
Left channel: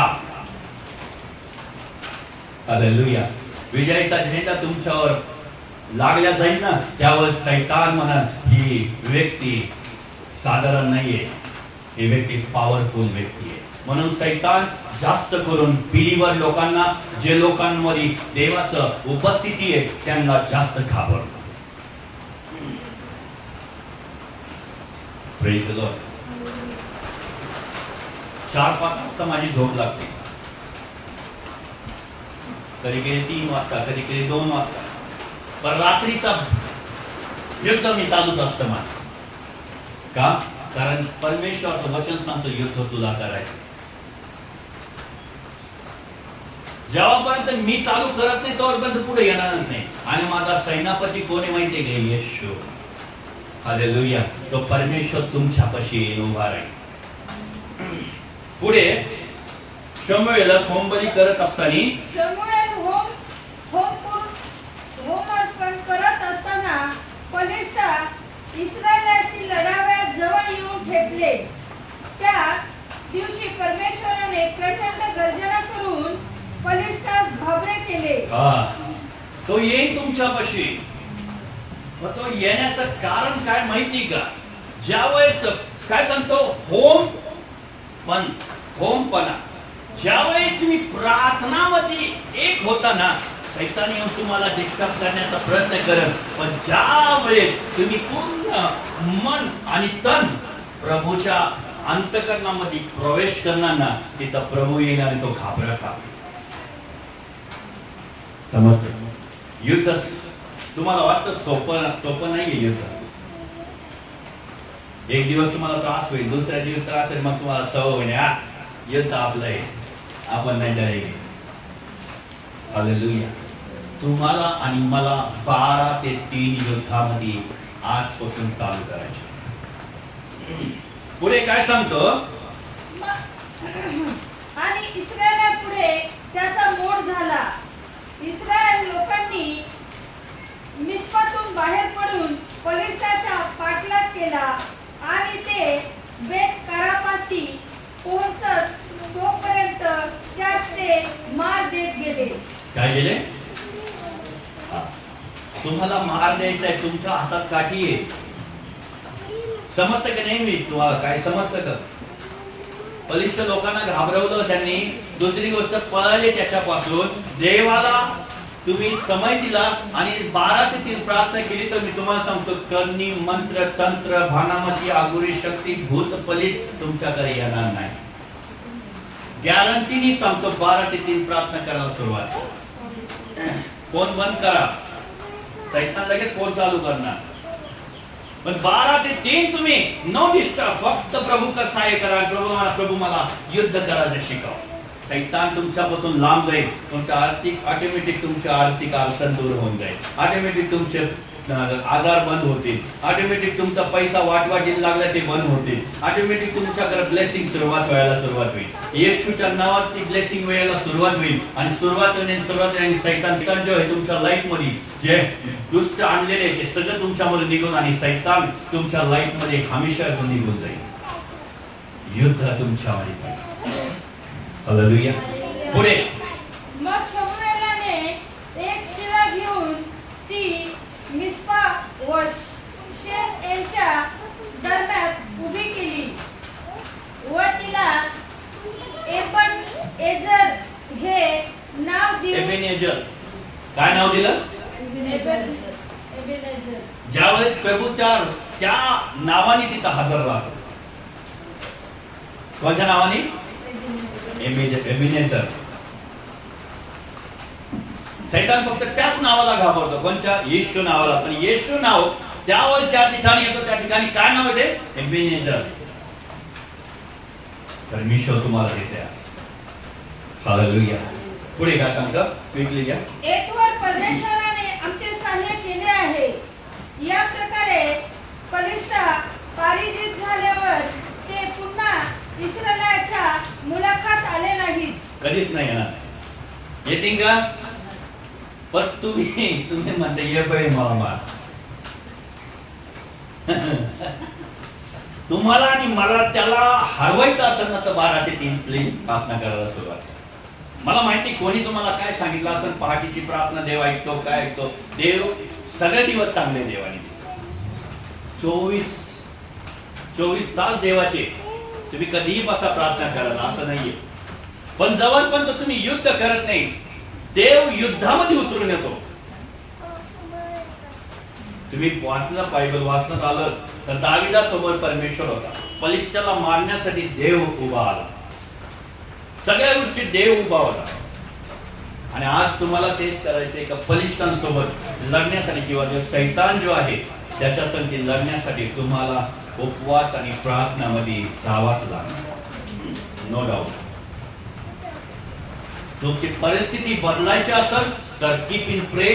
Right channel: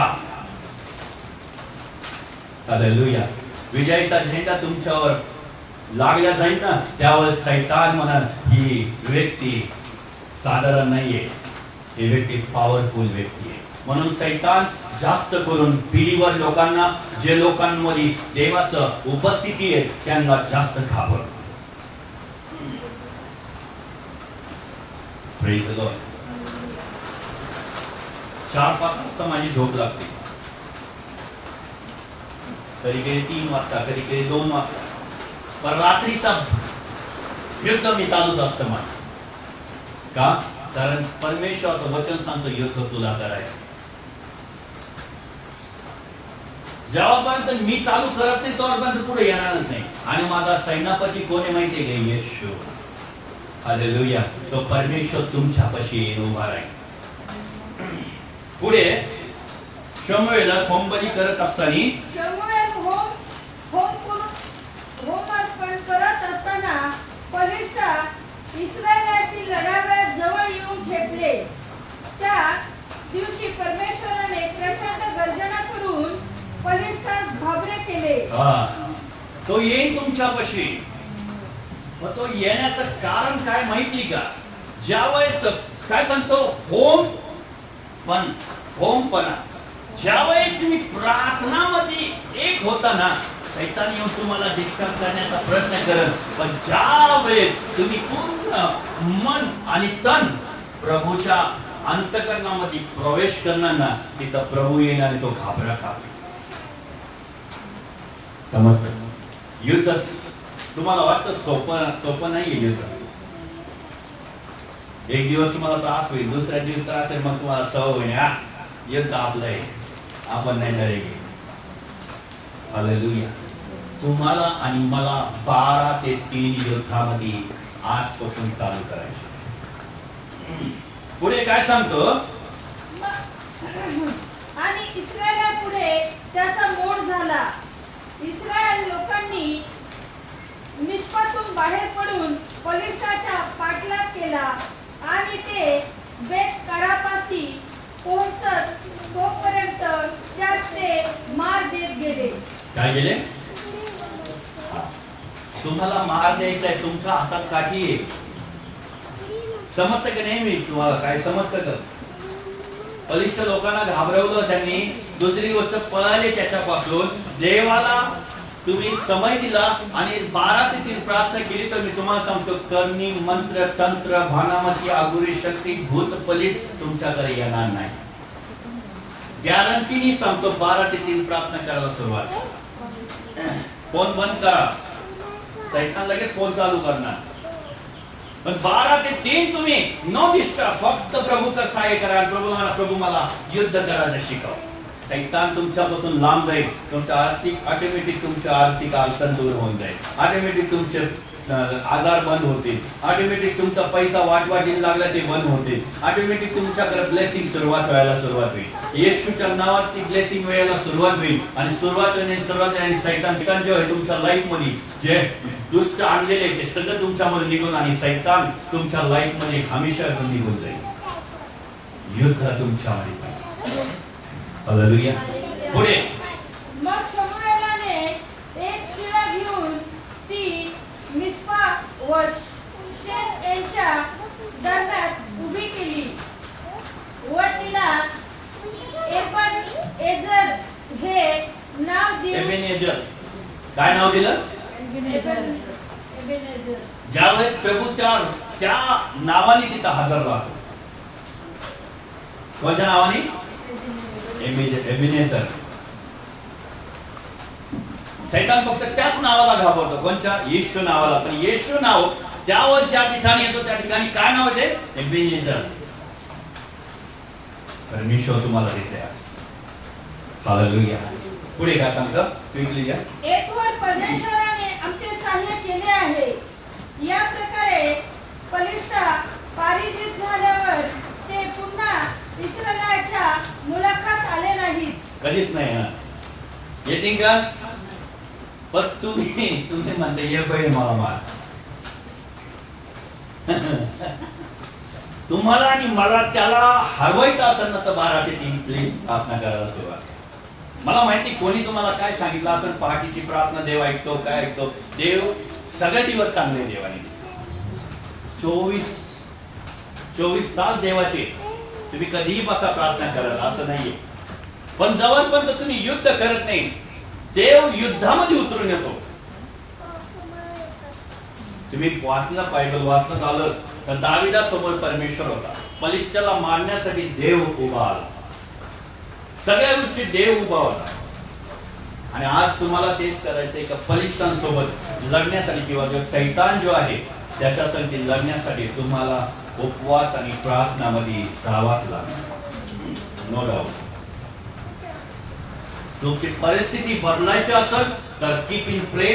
हालेलुया, विजयाचा झेंडा तुमच्यावर लागल्या जाईल ना, त्यावेळेस शैतान म्हणा ही व्यक्ती साधारण नाहीये, ही व्यक्ती पॉवरफुल व्यक्ती आहे. म्हणून शैतान जास्त करून बिलीवर लोकांना, जे लोकांमध्ये देवाचं उपस्थिती आहे त्यांना जास्त घाबरतो. Praise the Lord. 4-5 वाजता माझी झोप लागते, कधी कधी 3 वाजता, कधी कधी 2 वाजता, पण रात्रीचा युद्ध मी चालूच असतं माझं. का? कारण परमेश्वराचं वचन सांगतो युद्ध तुला करायचं. जेव्हापर्यंत मी चालू करत नाही तोपर्यंत पुढे येणारच नाही. आणि माझा सेनापती कोण आहे माहिती आहे का? येशू. हालेलुया. तो परमेश्वर तुमच्यापाशी उभा राहील. पुढे शमूएला होमबली करत असताना शमूएल होम अर्पण करत असताना बलिष्ठा इस्रायलाशी लढावयास जवळ येऊन ठेपले. त्या दिवशी परमेश्वराने प्रचंड गर्जना करून बलिष्ठास घाबरे केले. तो येईल तुमच्यापाशी. मग तो येण्याचं कारण काय माहिती का? ज्यावेळेस काय सांगतो होमपणा, ज्यावेळेस तुम्ही प्रार्थनामध्ये एक होता ना, शैतान येऊन तुम्हाला डिस्टर्ब करण्याचा प्रयत्न करत, पण ज्यावेळेस तुम्ही पूर्ण मन आणि तन प्रभूच्या अंतःकरणामध्ये प्रवेश करणार ना, तिथं प्रभू येणार आणि तो घाबरता. समजतं? युद्ध तुम्हाला वाटतं सोपं नाहीये युद्ध. एक दिवस तुम्हाला त्रास होईल, दुसऱ्या दिवस त्रास होईल, मग तुम्हाला सवय होईल, युद्ध आपलं आहे, आपण नाही लढेल. हालेलुया. तुम्हाला आणि मला 12 ते 3 युद्धामध्ये आजपासून चालू करायचं. पुढे काय सांगतो? आणि इस्रायला पुढे त्याचा मोड झाला. इस्रायल लोकांनी मिस्पातून बाहेर पडून बलिष्ठाचा पाठलाग केला आणि ते बेत करापाशी पोहोचत तोपर्यंत त्यास ते मार देत गेले. काय गेले? तुम्हाला मार द्यायचा आहे, तुमच्या हातात काठी आहे. समजतं का नाही? मी तुम्हाला काय समजतं का? बलिष्ठ लोकांना घाबरवलं त्यांनी. दुसरी गोष्ट पळाले त्याच्यापासून. देवाला तुम्ही समय दिला आणि 12 ते 3 प्रार्थना केली तर मी तुम्हाला सांगतो, करणी, मंत्र, तंत्र, भानामती, आगुरी शक्ती, भूत, पलित तुमच्याकडे येणार नाही. गॅरंटीनी सांगतो. 12 ते 3 प्रार्थना करायला सुरुवात. फोन बंद करा, शैतान लगेच फोन चालू करणार. पण 12 ते 3 तुम्ही नो डिस्टर्ब, फक्त प्रभू कर सहाय्य करा. प्रभू मला युद्ध करायला शिकव. शैतान तुमच्यापासून लांब जाईल. तुमच्या ऑटोमॅटिक तुमच्या आर्थिक अडचण दूर होऊन जाईल. ऑटोमॅटिक तुमचे आजार बंद होतील, ऑटोमॅटिक तुमचा पैसा वाटवाटीला लागला ते बंद होतील, ऑटोमॅटिक तुमच्याकडे ब्लेसिंग सुरुवात होईल. येशूच्या नावात ती ब्लेसिंग व्हायला सुरुवात होईल आणि सुरुवात आणि सैतान जे आहे तुमच्या लाईफ मध्ये जे दुष्ट आणलेले ते सगळं तुमच्यामध्ये निघून आणि सैतान तुमच्या लाईफ मध्ये हमेशा निघून जाईल. युद्ध तुमच्यामध्ये. हालेलुया. पुढे मग शमूएलाने एक शिळा घेऊन ती मिस्पा व शेन यांच्या दरम्यान उभी केली व तिला एबेनेझर हे नाव देऊन एबेनेझर. काय नाव दिलं? एबेनेझर. ज्यावेळेस प्रभू त्या नावाने तिथं हजर राहतो. कोणत्या नावाने? एबेनेझर. सैतान फक्त त्याच नावाला घाबरतो. कोणत्या? येशू नावाला. पण येशू नाव त्यावर ज्या ठिकाणी येतो त्या ठिकाणी काय नाव येते? एबेनेझर. परमेश्वर तुम्हाला देते. हालेलुया. पुढे काय सांगतं? क्विकली घ्या. एकवर परमेश्वराने आमचे सहाय्य केले आहे. या प्रकारे पलिष्ठा पारिजित झाल्यावर ते पुन्हा इस्रायलाच्या मुलाखत आले नाहीत. कधीच नाही येणार. येतील का? पण तुम्ही म्हणते ये बाई मला मार. तुम्हाला आणि मला त्याला हरवायचं असेल ना तर 12 ते 3 प्लीज प्रार्थना करायला सुरुवात. मला माहिती कोणी तुम्हाला काय सांगितलं असेल, पहाटीची प्रार्थना देव ऐकतो, काय ऐकतो. देव सगळे दिवस चांगले देवाने दिले. 24 तास देवाचे. तुम्ही कधीही बसा प्रार्थना करायला असं नाहीये. पण जवळपर्यंत तुम्ही युद्ध करत नाही देव युद्धामध्ये उतरून येतो. तुम्ही बायबल वाचण्यात आलं तर दाविदासमोर परमेश्वर होता. पलिष्ठ्याला मारण्यासाठी देव उभा आला. सगळ्या गोष्टी देव उभा होता. आणि आज तुम्हाला तेच करायचंय का पलिष्ठांसोबत लढण्यासाठी किंवा जो सैतान जो आहे त्याच्यासाठी लढण्यासाठी तुम्हाला उपवास आणि प्रार्थनामध्ये जावाच लागणार. No doubt. तुमची परिस्थिती बदलायची असेल तर कीप इन प्रे,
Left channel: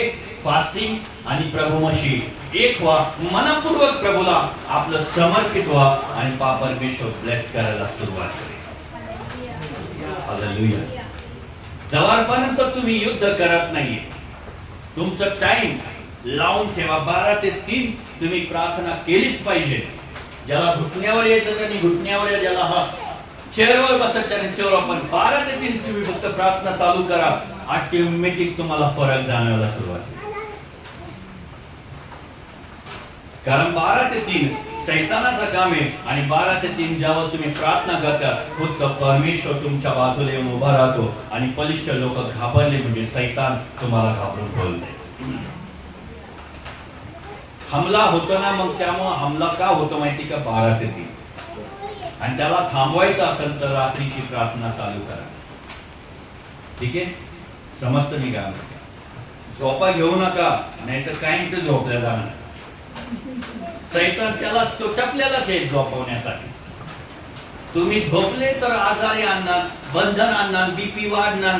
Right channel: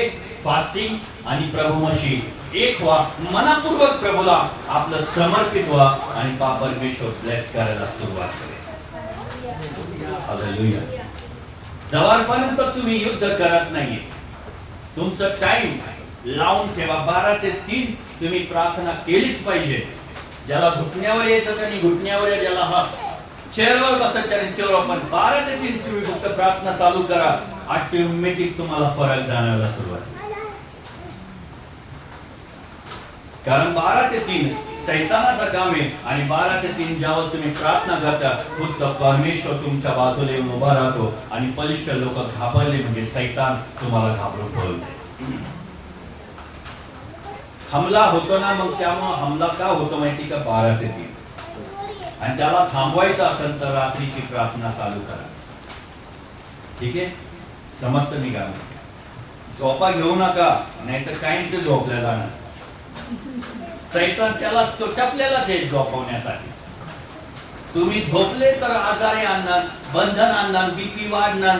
फास्टिंग आणि प्रभूमशी एक व्हा. मनापूर्वक प्रभूला आपलं समर्पित व्हा आणि परमेश्वर ब्लेस करायला सुरुवात करेल. हालेलुया. जवळपर्यंत तुम्ही युद्ध करत नाहीये तुमचं टाइम लावून ठेवा. 12 ते 3 तुम्ही प्रार्थना केलीच पाहिजे. ज्याला घुटण्यावर येतं त्यांनी घुटण्यावर, ज्याला हा चेअरवर बसत त्याने चेअरवर. पण 12 ते 3 तुम्ही फक्त प्रार्थना चालू करा. ऑटोमॅटिक तुम्हाला फरक जाणवायला सुरुवात होईल. कारण 12 ते 3 सैतानाचं काम आहे आणि 12 ते 3 जेव्हा तुम्ही प्रार्थना करता खुद्द परमेश्वर तुमच्या बाजूला येऊन उभा राहतो आणि बलिष्ठ लोक घाबरले म्हणजे सैतान तुम्हाला घाबरून बोलते. हमला होतो ना, मग त्यामुळे हमला का होतो माहिती का? 12 ते 3. आणि त्याला थांबवायचं असेल तर रात्रीची प्रार्थना चालू करा. ठीक आहे? समजतं मी काय? झोपा घेऊ नका, नाहीतर काय ते झोपल्या जाणार. सैतान त्याला टपलेलाच आहे झोपवण्यासाठी. तुम्ही झोपले तर आजारी आणणार, बंधन आणणार, बीपी वाढणार,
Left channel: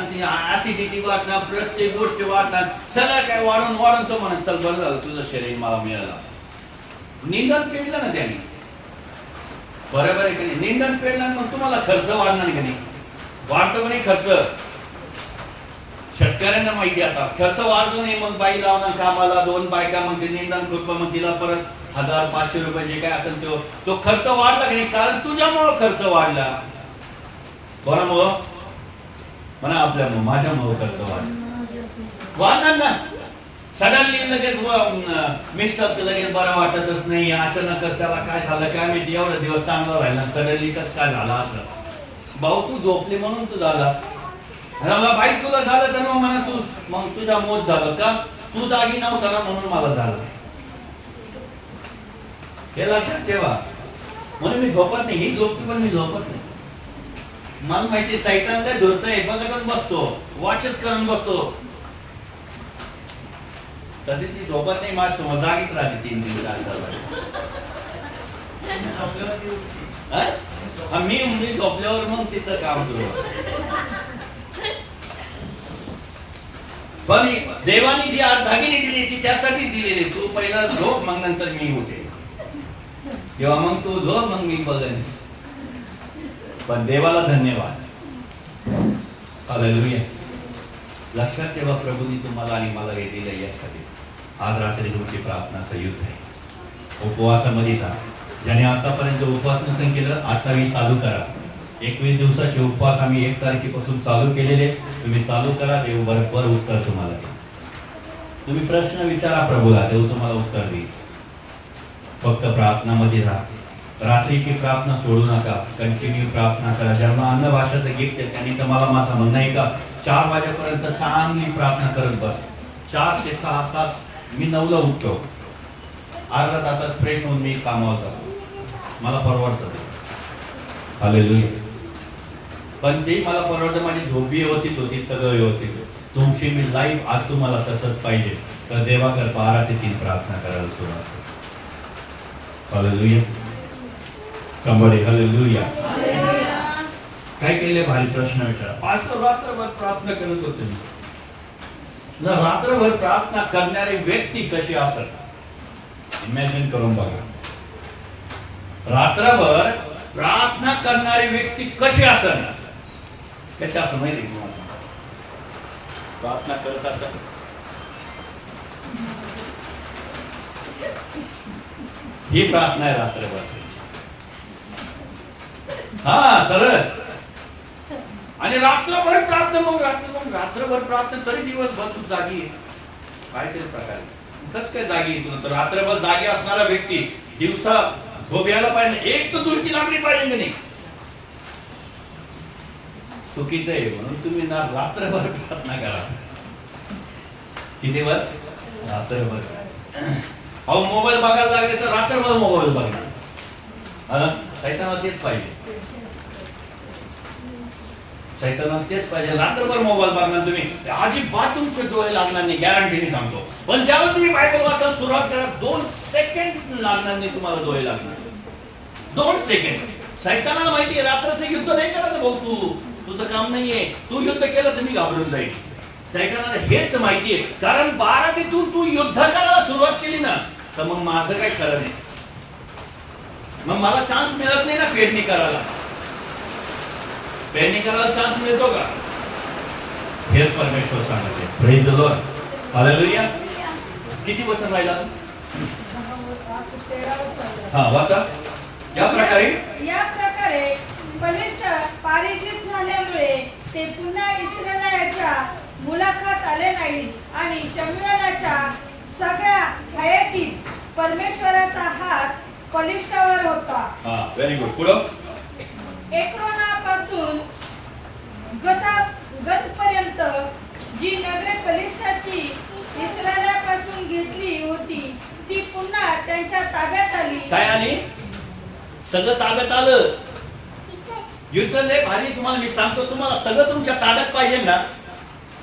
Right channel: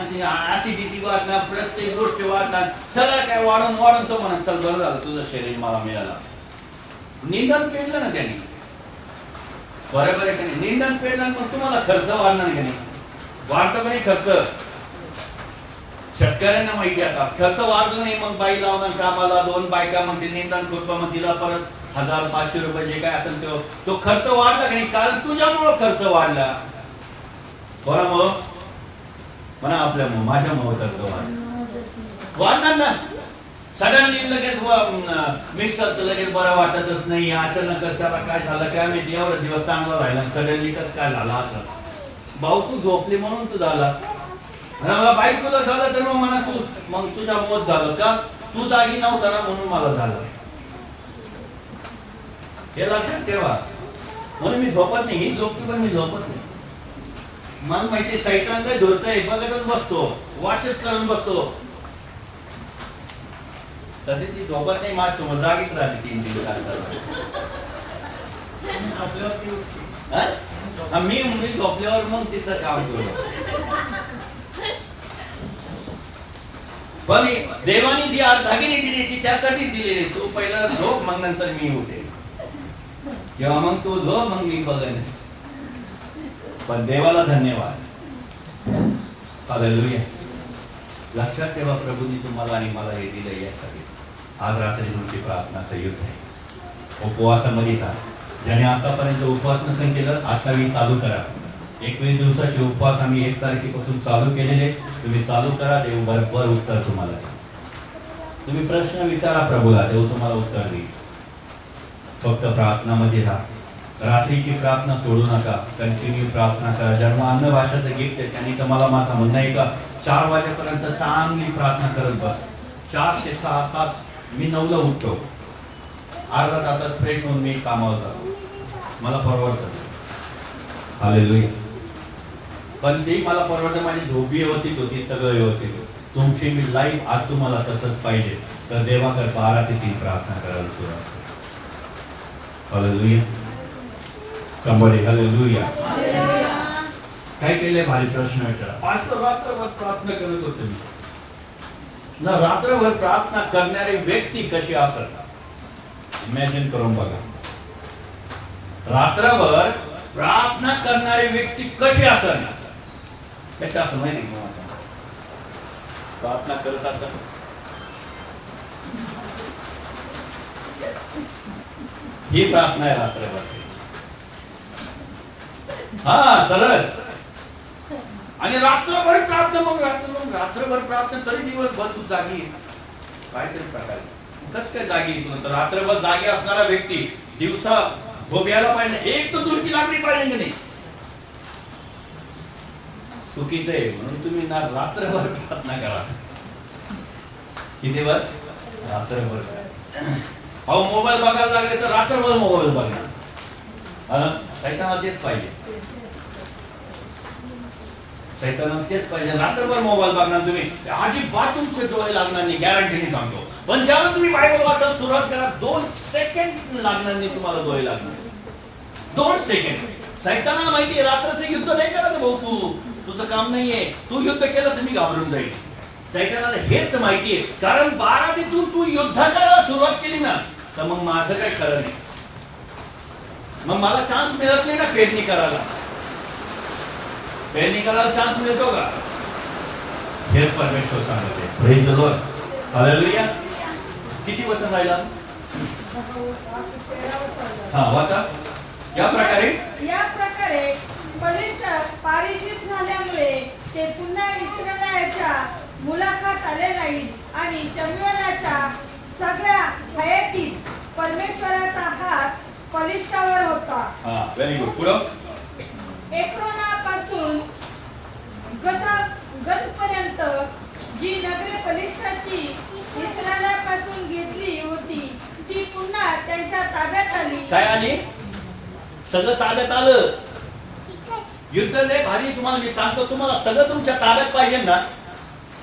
ऍसिडिटी वाढणार, प्रत्येक गोष्ट वाढणार. सगळं काय वाढून तो म्हणत चल बरं झालं तुझं शरीर मला मिळालं. निंदन पेडलं ना त्यांनी, बरोबर आहे का नाही? निंदन पेडलं मग तुम्हाला खर्च वाढणार का नाही? वाढतो का नाही खर्च? शेतकऱ्यांना माहिती आता खर्च वाढतो नाही. मग बाई लावणार कामाला, 2 बायका मग ते निंदन कृपा, मग तिला परत 1000-500 रुपये जे काय असेल तो खर्च वाढला की नाही? कारण तुझ्यामुळं खर्च वाढला. कोणामुळं? म्हणा आपल्यामुळं, माझ्यामुळं खर्च वाढणार ना. सडनली लगेच मिस्टरचं लगेच बरं वाटतच नाही. अचानक त्याला काय झालं काय माहिती, एवढा दिवस चांगला राहिला, सडनली काय झाला असं. भाऊ तू झोपली म्हणून तू झाला. बाई तुला झालं तर मग म्हणा तू मग तुझा मोज झालं का? तू जागी नव्हता ना म्हणून मला झालं. हे लक्षात ठेवा. म्हणून मी झोपत नाही. ही झोपते पण मी झोपत नाही. मला माहिती सैतान काय धुरतंय बघतच बसतो, वाचच करून बसतो. तशी ती झोपत नाही. माझ्यासोबत जागीच राहते 3 दिवस मी झोपल्यावर मग तिचं काम सुरू. पण देवाने जी आज दागिने दिली ती त्यासाठी दिलेली. तू पहिला झोप, मग नंतर मी उठेन. तेव्हा मग तू झोप, मग मी बघेन. पण देवाला धन्यवाद. हालेलुया. लक्षात ठेवा, प्रभूंनी तुम्हाला आणि मला हे दिलं यासाठी. आज रात्री तुमची प्रार्थनाचं युद्ध आहे. उपवासामध्ये जा. ज्याने आतापर्यंत उपवास नसेल केलं, आता मी चालू करा. 21 दिवसाचे उपवास आम्ही 1 तारखेपासून चालू केलेले. तुम्ही चालू करा, देव बरोबर उत्तर तुम्हाला देईल. तुम्ही प्रश्न विचारा प्रभूला, देव तुम्हाला उत्तर देईल. फक्त प्रार्थनामध्ये राहा. रात्रीची प्रार्थना सोडू नका. कंटिन्यू प्रार्थना करा. ज्यांना अन्न भाषाचं गिफ्ट आहे त्यांनी तर मला माझं म्हणणं आहे का 4 वाजेपर्यंत चांगली प्रार्थना करत बस. 4 ते 6, 7 मी 9ला उठतो. अर्धा तासात फ्रेश होऊन मी कामावर जातो. मला परवडतं. हालेलुया. पण ते मला परवडतं. माझी झोप व्यवस्थित होती, सगळं व्यवस्थित होतं. तुमची मी लाईफ आज तुम्हाला तसंच पाहिजे तर देवाकर 12 ते 3 प्रार्थना करायला सुरुवात करा. हालेलुया. somebody hallelujah. काय केले? भारी प्रश्न विचारा. आज रात्रभर प्रार्थना करत होते मी. ना रात्रभर प्रार्थना करणारी व्यक्ती कशी असत इमॅजिन करून बघा. रात्रभर प्रार्थना करणारी व्यक्ती कशी असत ना, कशी असं माहिती प्रार्थना करत असत. ही प्रार्थना आहे रात्रभर. हा सरस. आणि रात्रभर प्रार्थना, मग रात्रभर प्रार्थना तरी दिवसभर तू जागी. काहीतरी प्रकार कस काय जागी तुला? तर रात्रभर जागी असणारा व्यक्ती दिवसा झोप यायला पाहिजे. एक तर तुमची लागली पाहिजे की नाही. चुकीचं आहे. म्हणून तुम्ही ना रात्रभर प्रार्थना करा. किती वर? रात्रभर. अहो मोबाईल बघायला लागले तर रात्रभर मोबाईल बघणार. सैतानाला तेच पाहिजे. सैतानाला तेच पाहिजे. रात्रभर मोबाईल बघणार तुम्ही. अजिबात तुमचे डोळे लागणार नाही, गॅरंटीने सांगतो. पण ज्यावेळेस तुम्ही बायबल वाचायला सुरुवात करा 2 सेकंड लागणार नाही तुम्हाला डोळे लागणार. 2 सेकंड. सैतानाला माहिती आहे रात्रचं युद्ध नाही करायचं भाऊ. तुझं काम नाहीये. तू युद्ध केलं तर मी घाबरून जाईल. सैतानाला हेच माहिती आहे. कारण 12 तिथून तू युद्ध करायला सुरुवात केली ना तर मग माझं काही खरं नाही. मग मला चान्स मिळत नाही ना पेरणी करायला. पेरणी करायला चान्स मिळतो का? हे परमेश्वर सांगते. Praise the Lord. हालेलुया. किती वचन राहिला? हा वाचा. या प्रकारे बलिष्ठ पारिजित झाल्यामुळे ते पुन्हा इस्रायलाच्या मुलाखत आले नाहीत आणि शमूएलाच्या सगळ्या हयातीत परमेश्वराचा हात बलिष्ठावर होता. हा व्हेरी गुड. पुढं. एक्रोनापासून गतपर्यंत जी नगरे बलिष्ठाची इस्रायलापासून घेतली होती ती पुन्हा त्यांच्या ताब्यात आली. काय आली? सगळं ताब्यात आलं. युद्ध लय भारी. तुम्हाला मी सांगतो, तुम्हाला सगळं तुमच्या ताब्यात पाहिजे ना.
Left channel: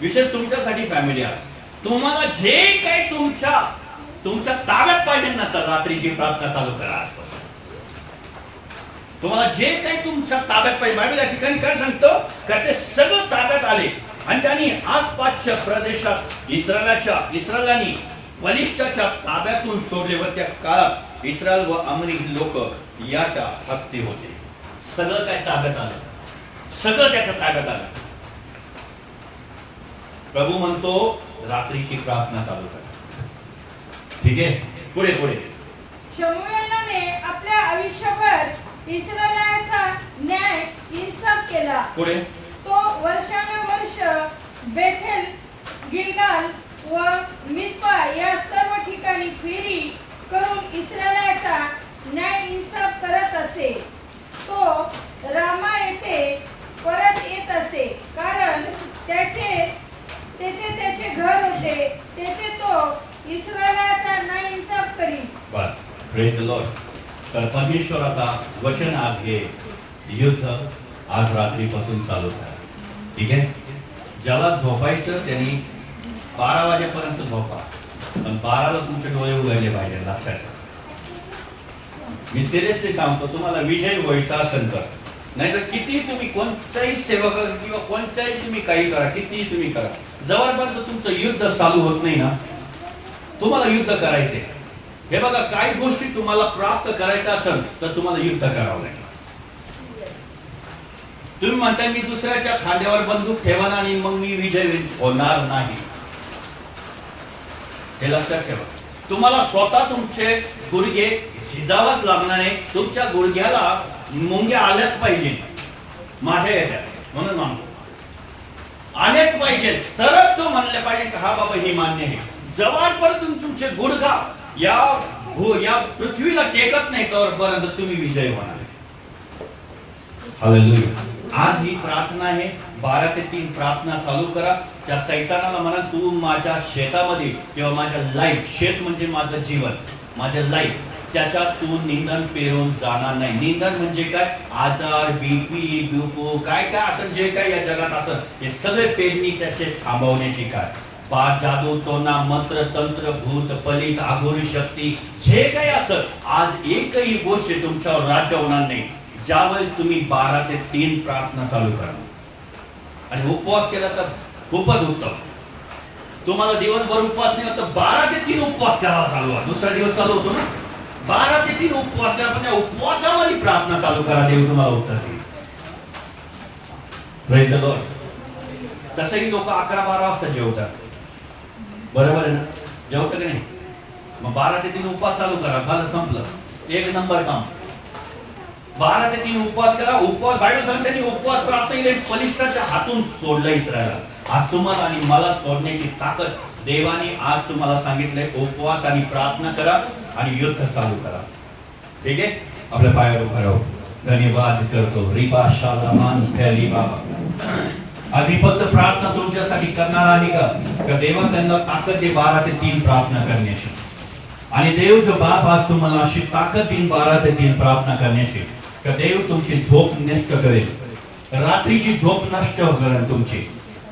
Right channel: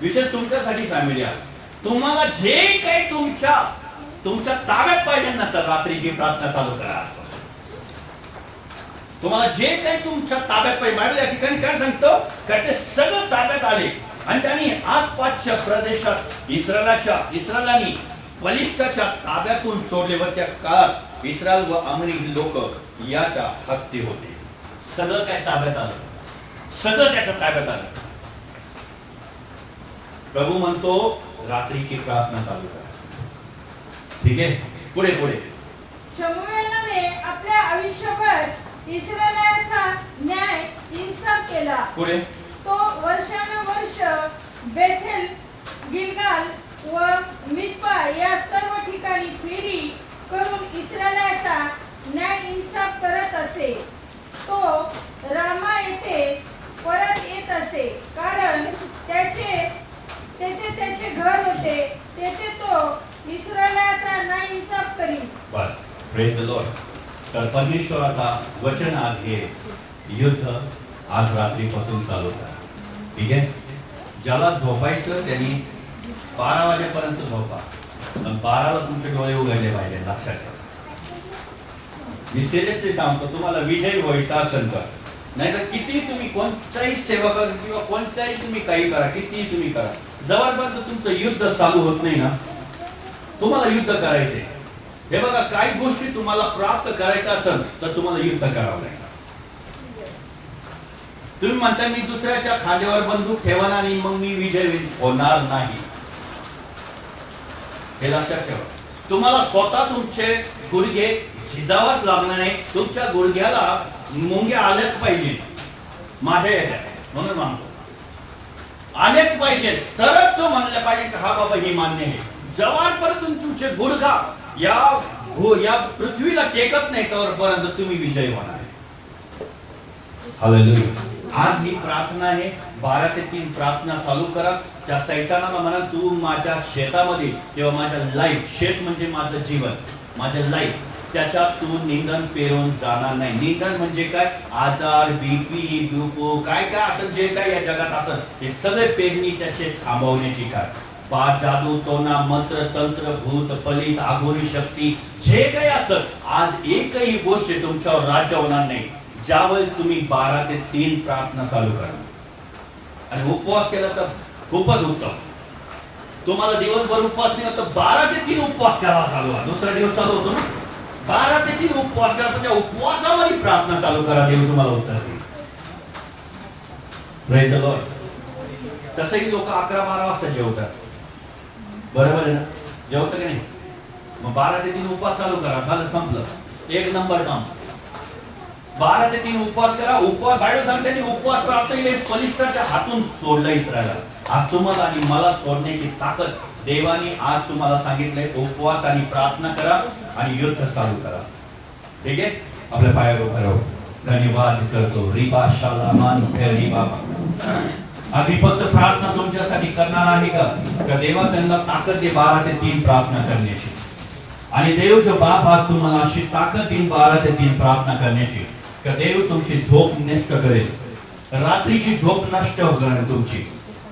विशेष तुमच्यासाठी फॅमिली आहे. तुम्हाला जे काही तुमच्या ताब्यात पाहिजे ना तर रात्रीची प्रार्थना चालू करा. तुम्हाला जे काही तुमच्या ताब्यात पाहिजे. बायबल या ठिकाणी काय सांगतो का ते सगळं ताब्यात आले आणि त्यांनी आसपासच्या प्रदेशात इस्रायलांनी बलिष्ठाच्या ताब्यातून सोडले व त्या काळात इस्रायल व अमेरिकी लोक याच्या हस्ती होते. सगळं काय ताब्यात आलं. सगळं त्याच्या ताब्यात आलं. प्रभू म्हणतो रात्रीची प्रार्थना चालू करा. ठीक आहे. पुढे. शमूएलाने आपल्या आयुष्यभर इस्रायलाचा न्याय इन्साफ केला. पुढे. तो वर्षानुवर्ष बेथेल, गिलगाल व मिस्पा या सर्व ठिकाणी फेरी करून इस्रायलाचा न्याय इन्साफ करत असे. तो रामा येथे परत येत असे कारण तेथे त्याचे घर होते. तेथे तो इस्रायलाचा न्याय इन्साफ करी. बस. Praise the lord. तर परमेश्वराचा वचन आज हे युद्ध आज रात्रीपासून चालू करा. ठीक आहे. ज्याला झोपायचं त्यांनी 12 वाजेपर्यंत झोपा. पण 12ला तुमचे डोळे उघडले पाहिजे. लक्षात ठेवा. मी सिरियसली सांगतो, तुम्हाला विजय व्हायचा असेल तर नाहीतर किती तुम्ही कोणत्याही सेवा करा किंवा कोणत्याही तुम्ही काही करा, कितीही तुम्ही करा, जवळपर्यंत तुमचं युद्ध चालू होत नाही ना, तुम्हाला युद्ध करायचे. हे बघा, काही गोष्टी तुम्हाला प्राप्त करायच्या असेल तर तुम्हाला युद्ध करावं लागेल. तुम्ही म्हणता मी दुसऱ्याच्या खांद्यावर बंदूक ठेवणार आणि मग मी विजय होणार नाही. हे लक्षात ठेवा. तुम्हाला स्वतः तुमचे गुडघे झिजावाच लागणार नाही. तुमच्या गुडघ्याला मुंग्या आल्याच पाहिजे माझ्या येत्या, म्हणून मानतो आल्याच पाहिजे, तरच तो म्हणलं पाहिजे की हा बाबा ही मान्य आहे. जवळपर्यंत तुमचे गुडघा या पृथ्वीला टेकत नाही तोपर्यंत तुम्ही विजय होणार आहे. हालेलुया. आज ही प्रार्थना आहे, 12 ते 3 प्रार्थना चालू करा. त्या सैतानाला म्हणा, तू माझ्या शेतामध्ये किंवा माझ्या लाईफ, शेत म्हणजे माझं जीवन, माझं लाईफ, त्याच्यात तू निंदन पेरून जाणार नाही. निंदन म्हणजे काय? आजार, बीपी, डुपो, काय काय असेल, जे काय या जगात असेल, हे सगळे पेरणी त्याचे थांबवण्याची काय, पाच, जादू, टोना, मंत्र, तंत्र, भूत, पलित, आघोरी शक्ती, जे काही असेल, आज एकही गोष्ट तुमच्यावर राज्य होणार नाही ज्यावेळी तुम्ही 12 ते 3 प्रार्थना चालू करा. आणि उपवास केला तर खूपच उत्तम. तुम्हाला दिवसभर उपवास नाही होत तर 12 ते 3 उपवास करावा चालू. दुसरा दिवस चालू होतो ना, 12 ते 3 उपवास करा. पण त्या उपवासामध्ये प्रार्थना चालू करा, देव तुम्हाला उत्तर देईल. Praise the Lord. तसंही लोक 11-12 वाजता जेवतात, बरोबर आहे ना? जेवतं की नाही? मग 12 ते 3 उपवास चालू करा, झालं, संपलं, एक नंबर काम. 12 ते 3 उपवास करा. उपवास बायबल सांगते उपवास प्रार्थना पलिष्ठाच्या हातून सोडलं इस्रायला. आज तुम्हाला आणि मला सोडण्याची ताकद देवाने आज तुम्हाला सांगितलंय. उपवास आणि प्रार्थना करा आणि युद्ध चालू करा. ठीक आहे, आपल्या पायावर उभा राहू. धन्यवाद करतो. रिबा शालामान रिबा. आम्ही फक्त प्रार्थना तुमच्यासाठी करणार आहे का देवा त्यांना ताकद दे 12 ते 3 प्रार्थना करण्याची. आणि देव जो बाप आज तुम्हाला अशी ताकद देईन 12 ते 3 प्रार्थना करण्याची, का देव तुमची झोप नष्ट करेल, रात्रीची झोप नष्ट करेल तुमची.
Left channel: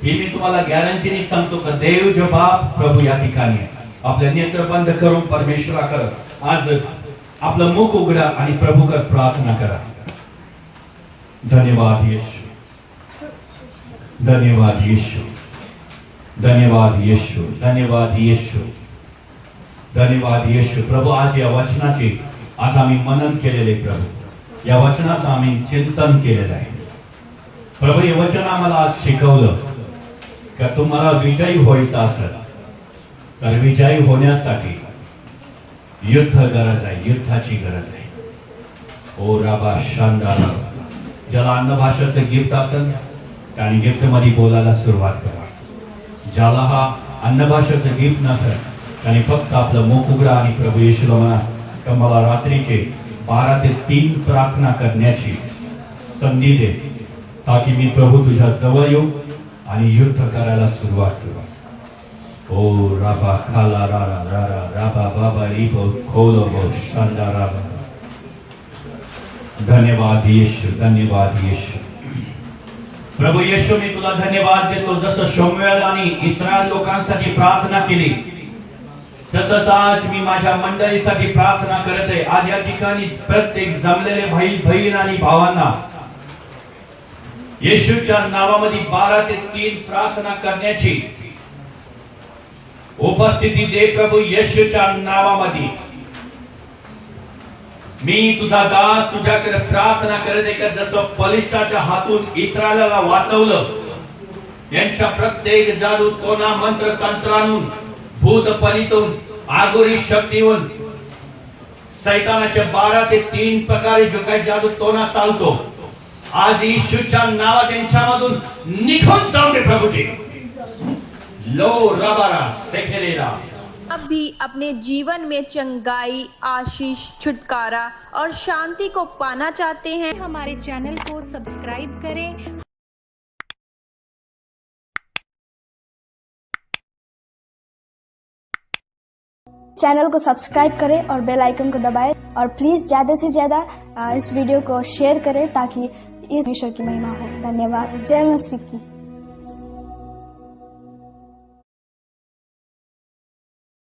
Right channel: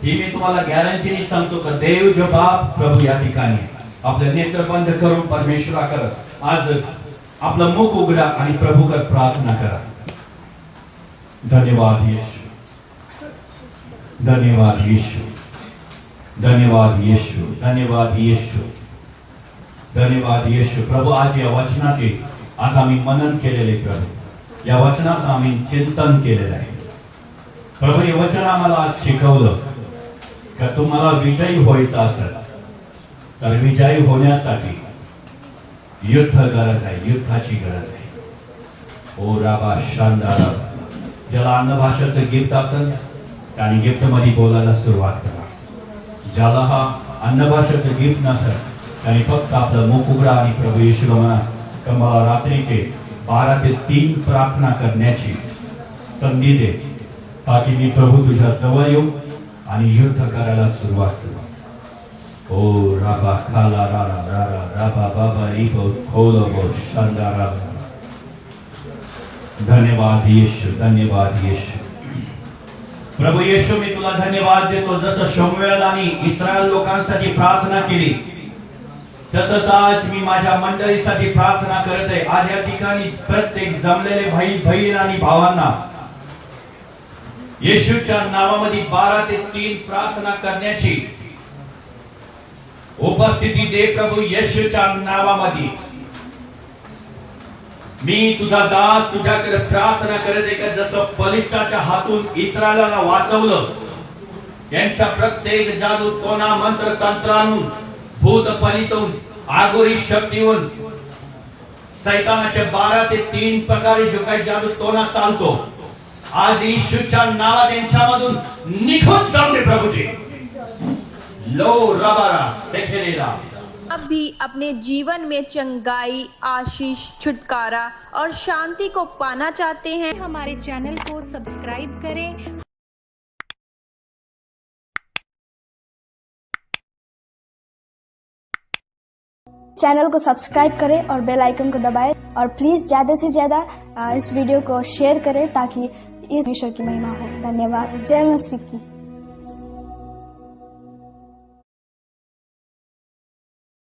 ही मी तुम्हाला गॅरंटीने सांगतो का देव जो बाप प्रभू या ठिकाणी आपले नेत्र बंद करून परमेश्वराकडे आज आपलं मुख उघडा आणि प्रभूकडे प्रार्थना करा. धन्यवाद येशू, धन्यवाद येशू, धन्यवाद येशू, धन्यवाद येशू, धन्यवाद येशू. प्रभू आज या वचनाचे आज आम्ही मनन केलेले, प्रभू या वचनाचं आम्ही चिंतन केलेलं आहे. प्रभू हे वचन आम्हाला आज शिकवलं का तुम्हाला विजयी व्हायचं असेल तर विजयी होण्यासाठी युद्ध गरज आहे, युद्धाची गरज आहे. ओ राबा शानदार. ज्याला अन्न भाषेचं गिफ्ट असेल आणि गिफ्ट मध्ये बोलायला सुरुवात करा. ज्याला हा अन्न भाषेचं गिफ्ट नसेल त्याने फक्त आपलं मुख उघडा आणि प्रभू येशूला म्हणा का मला रात्रीचे 12 ते 3 प्रार्थना करण्याची संधी दे, ताकि मी प्रभू तुझ्या जवळ येऊ आणि युद्ध करायला सुरुवात करू. ओ राबा खाला रारा रारा राबा बाबा रिबो खोलो बो शांदारा. धन्यवाद येशू, धन्यवाद येशू. प्रभू येशू मी तुला धन्यवाद देतो. जसं शमूएल आणि इस्रायल लोकांसाठी प्रार्थना केली तसंच आज मी माझ्या मंडळीसाठी प्रार्थना करत आहे. आज या ठिकाणी प्रत्येक जमलेले भाई बहीण आणि भावांना येशूच्या नावामध्ये 12 ते 3 प्रार्थना करण्याची उपस्थिती दे प्रभू येशूच्या नावामध्ये. मी तुझा दास तुझ्याकडे प्रार्थना करत आहे का जसं बलिष्ठाच्या हातून इस्रायलाला वाचवलं, यांच्या प्रत्येक जादू टोना मंत्र तंत्रांतून भूत पलितून आगोरी शक्तीहून सैतानाच्या 12 ते 3 प्रकारे जो काही जादू टोना चालतो आज येशूच्या नावात यांच्यामधून निघून जाऊ दे प्रभूजी. लो रबारा सेखेरेरा. अब भी अपने जीवन में चंगाई, आशीष, छुटकारा और शांति को पाना चाहते हैं? हमारे चैनल को सब्सक्राइब करें। चैनल को सब्सक्राइब करें और बेल आइकन को दबाएं और प्लीज़ ज़्यादा से ज़्यादा इस वीडियो को शेयर करें ताकि इस ईश्वर की महिमा हो। धन्यवाद। जय मसीह की।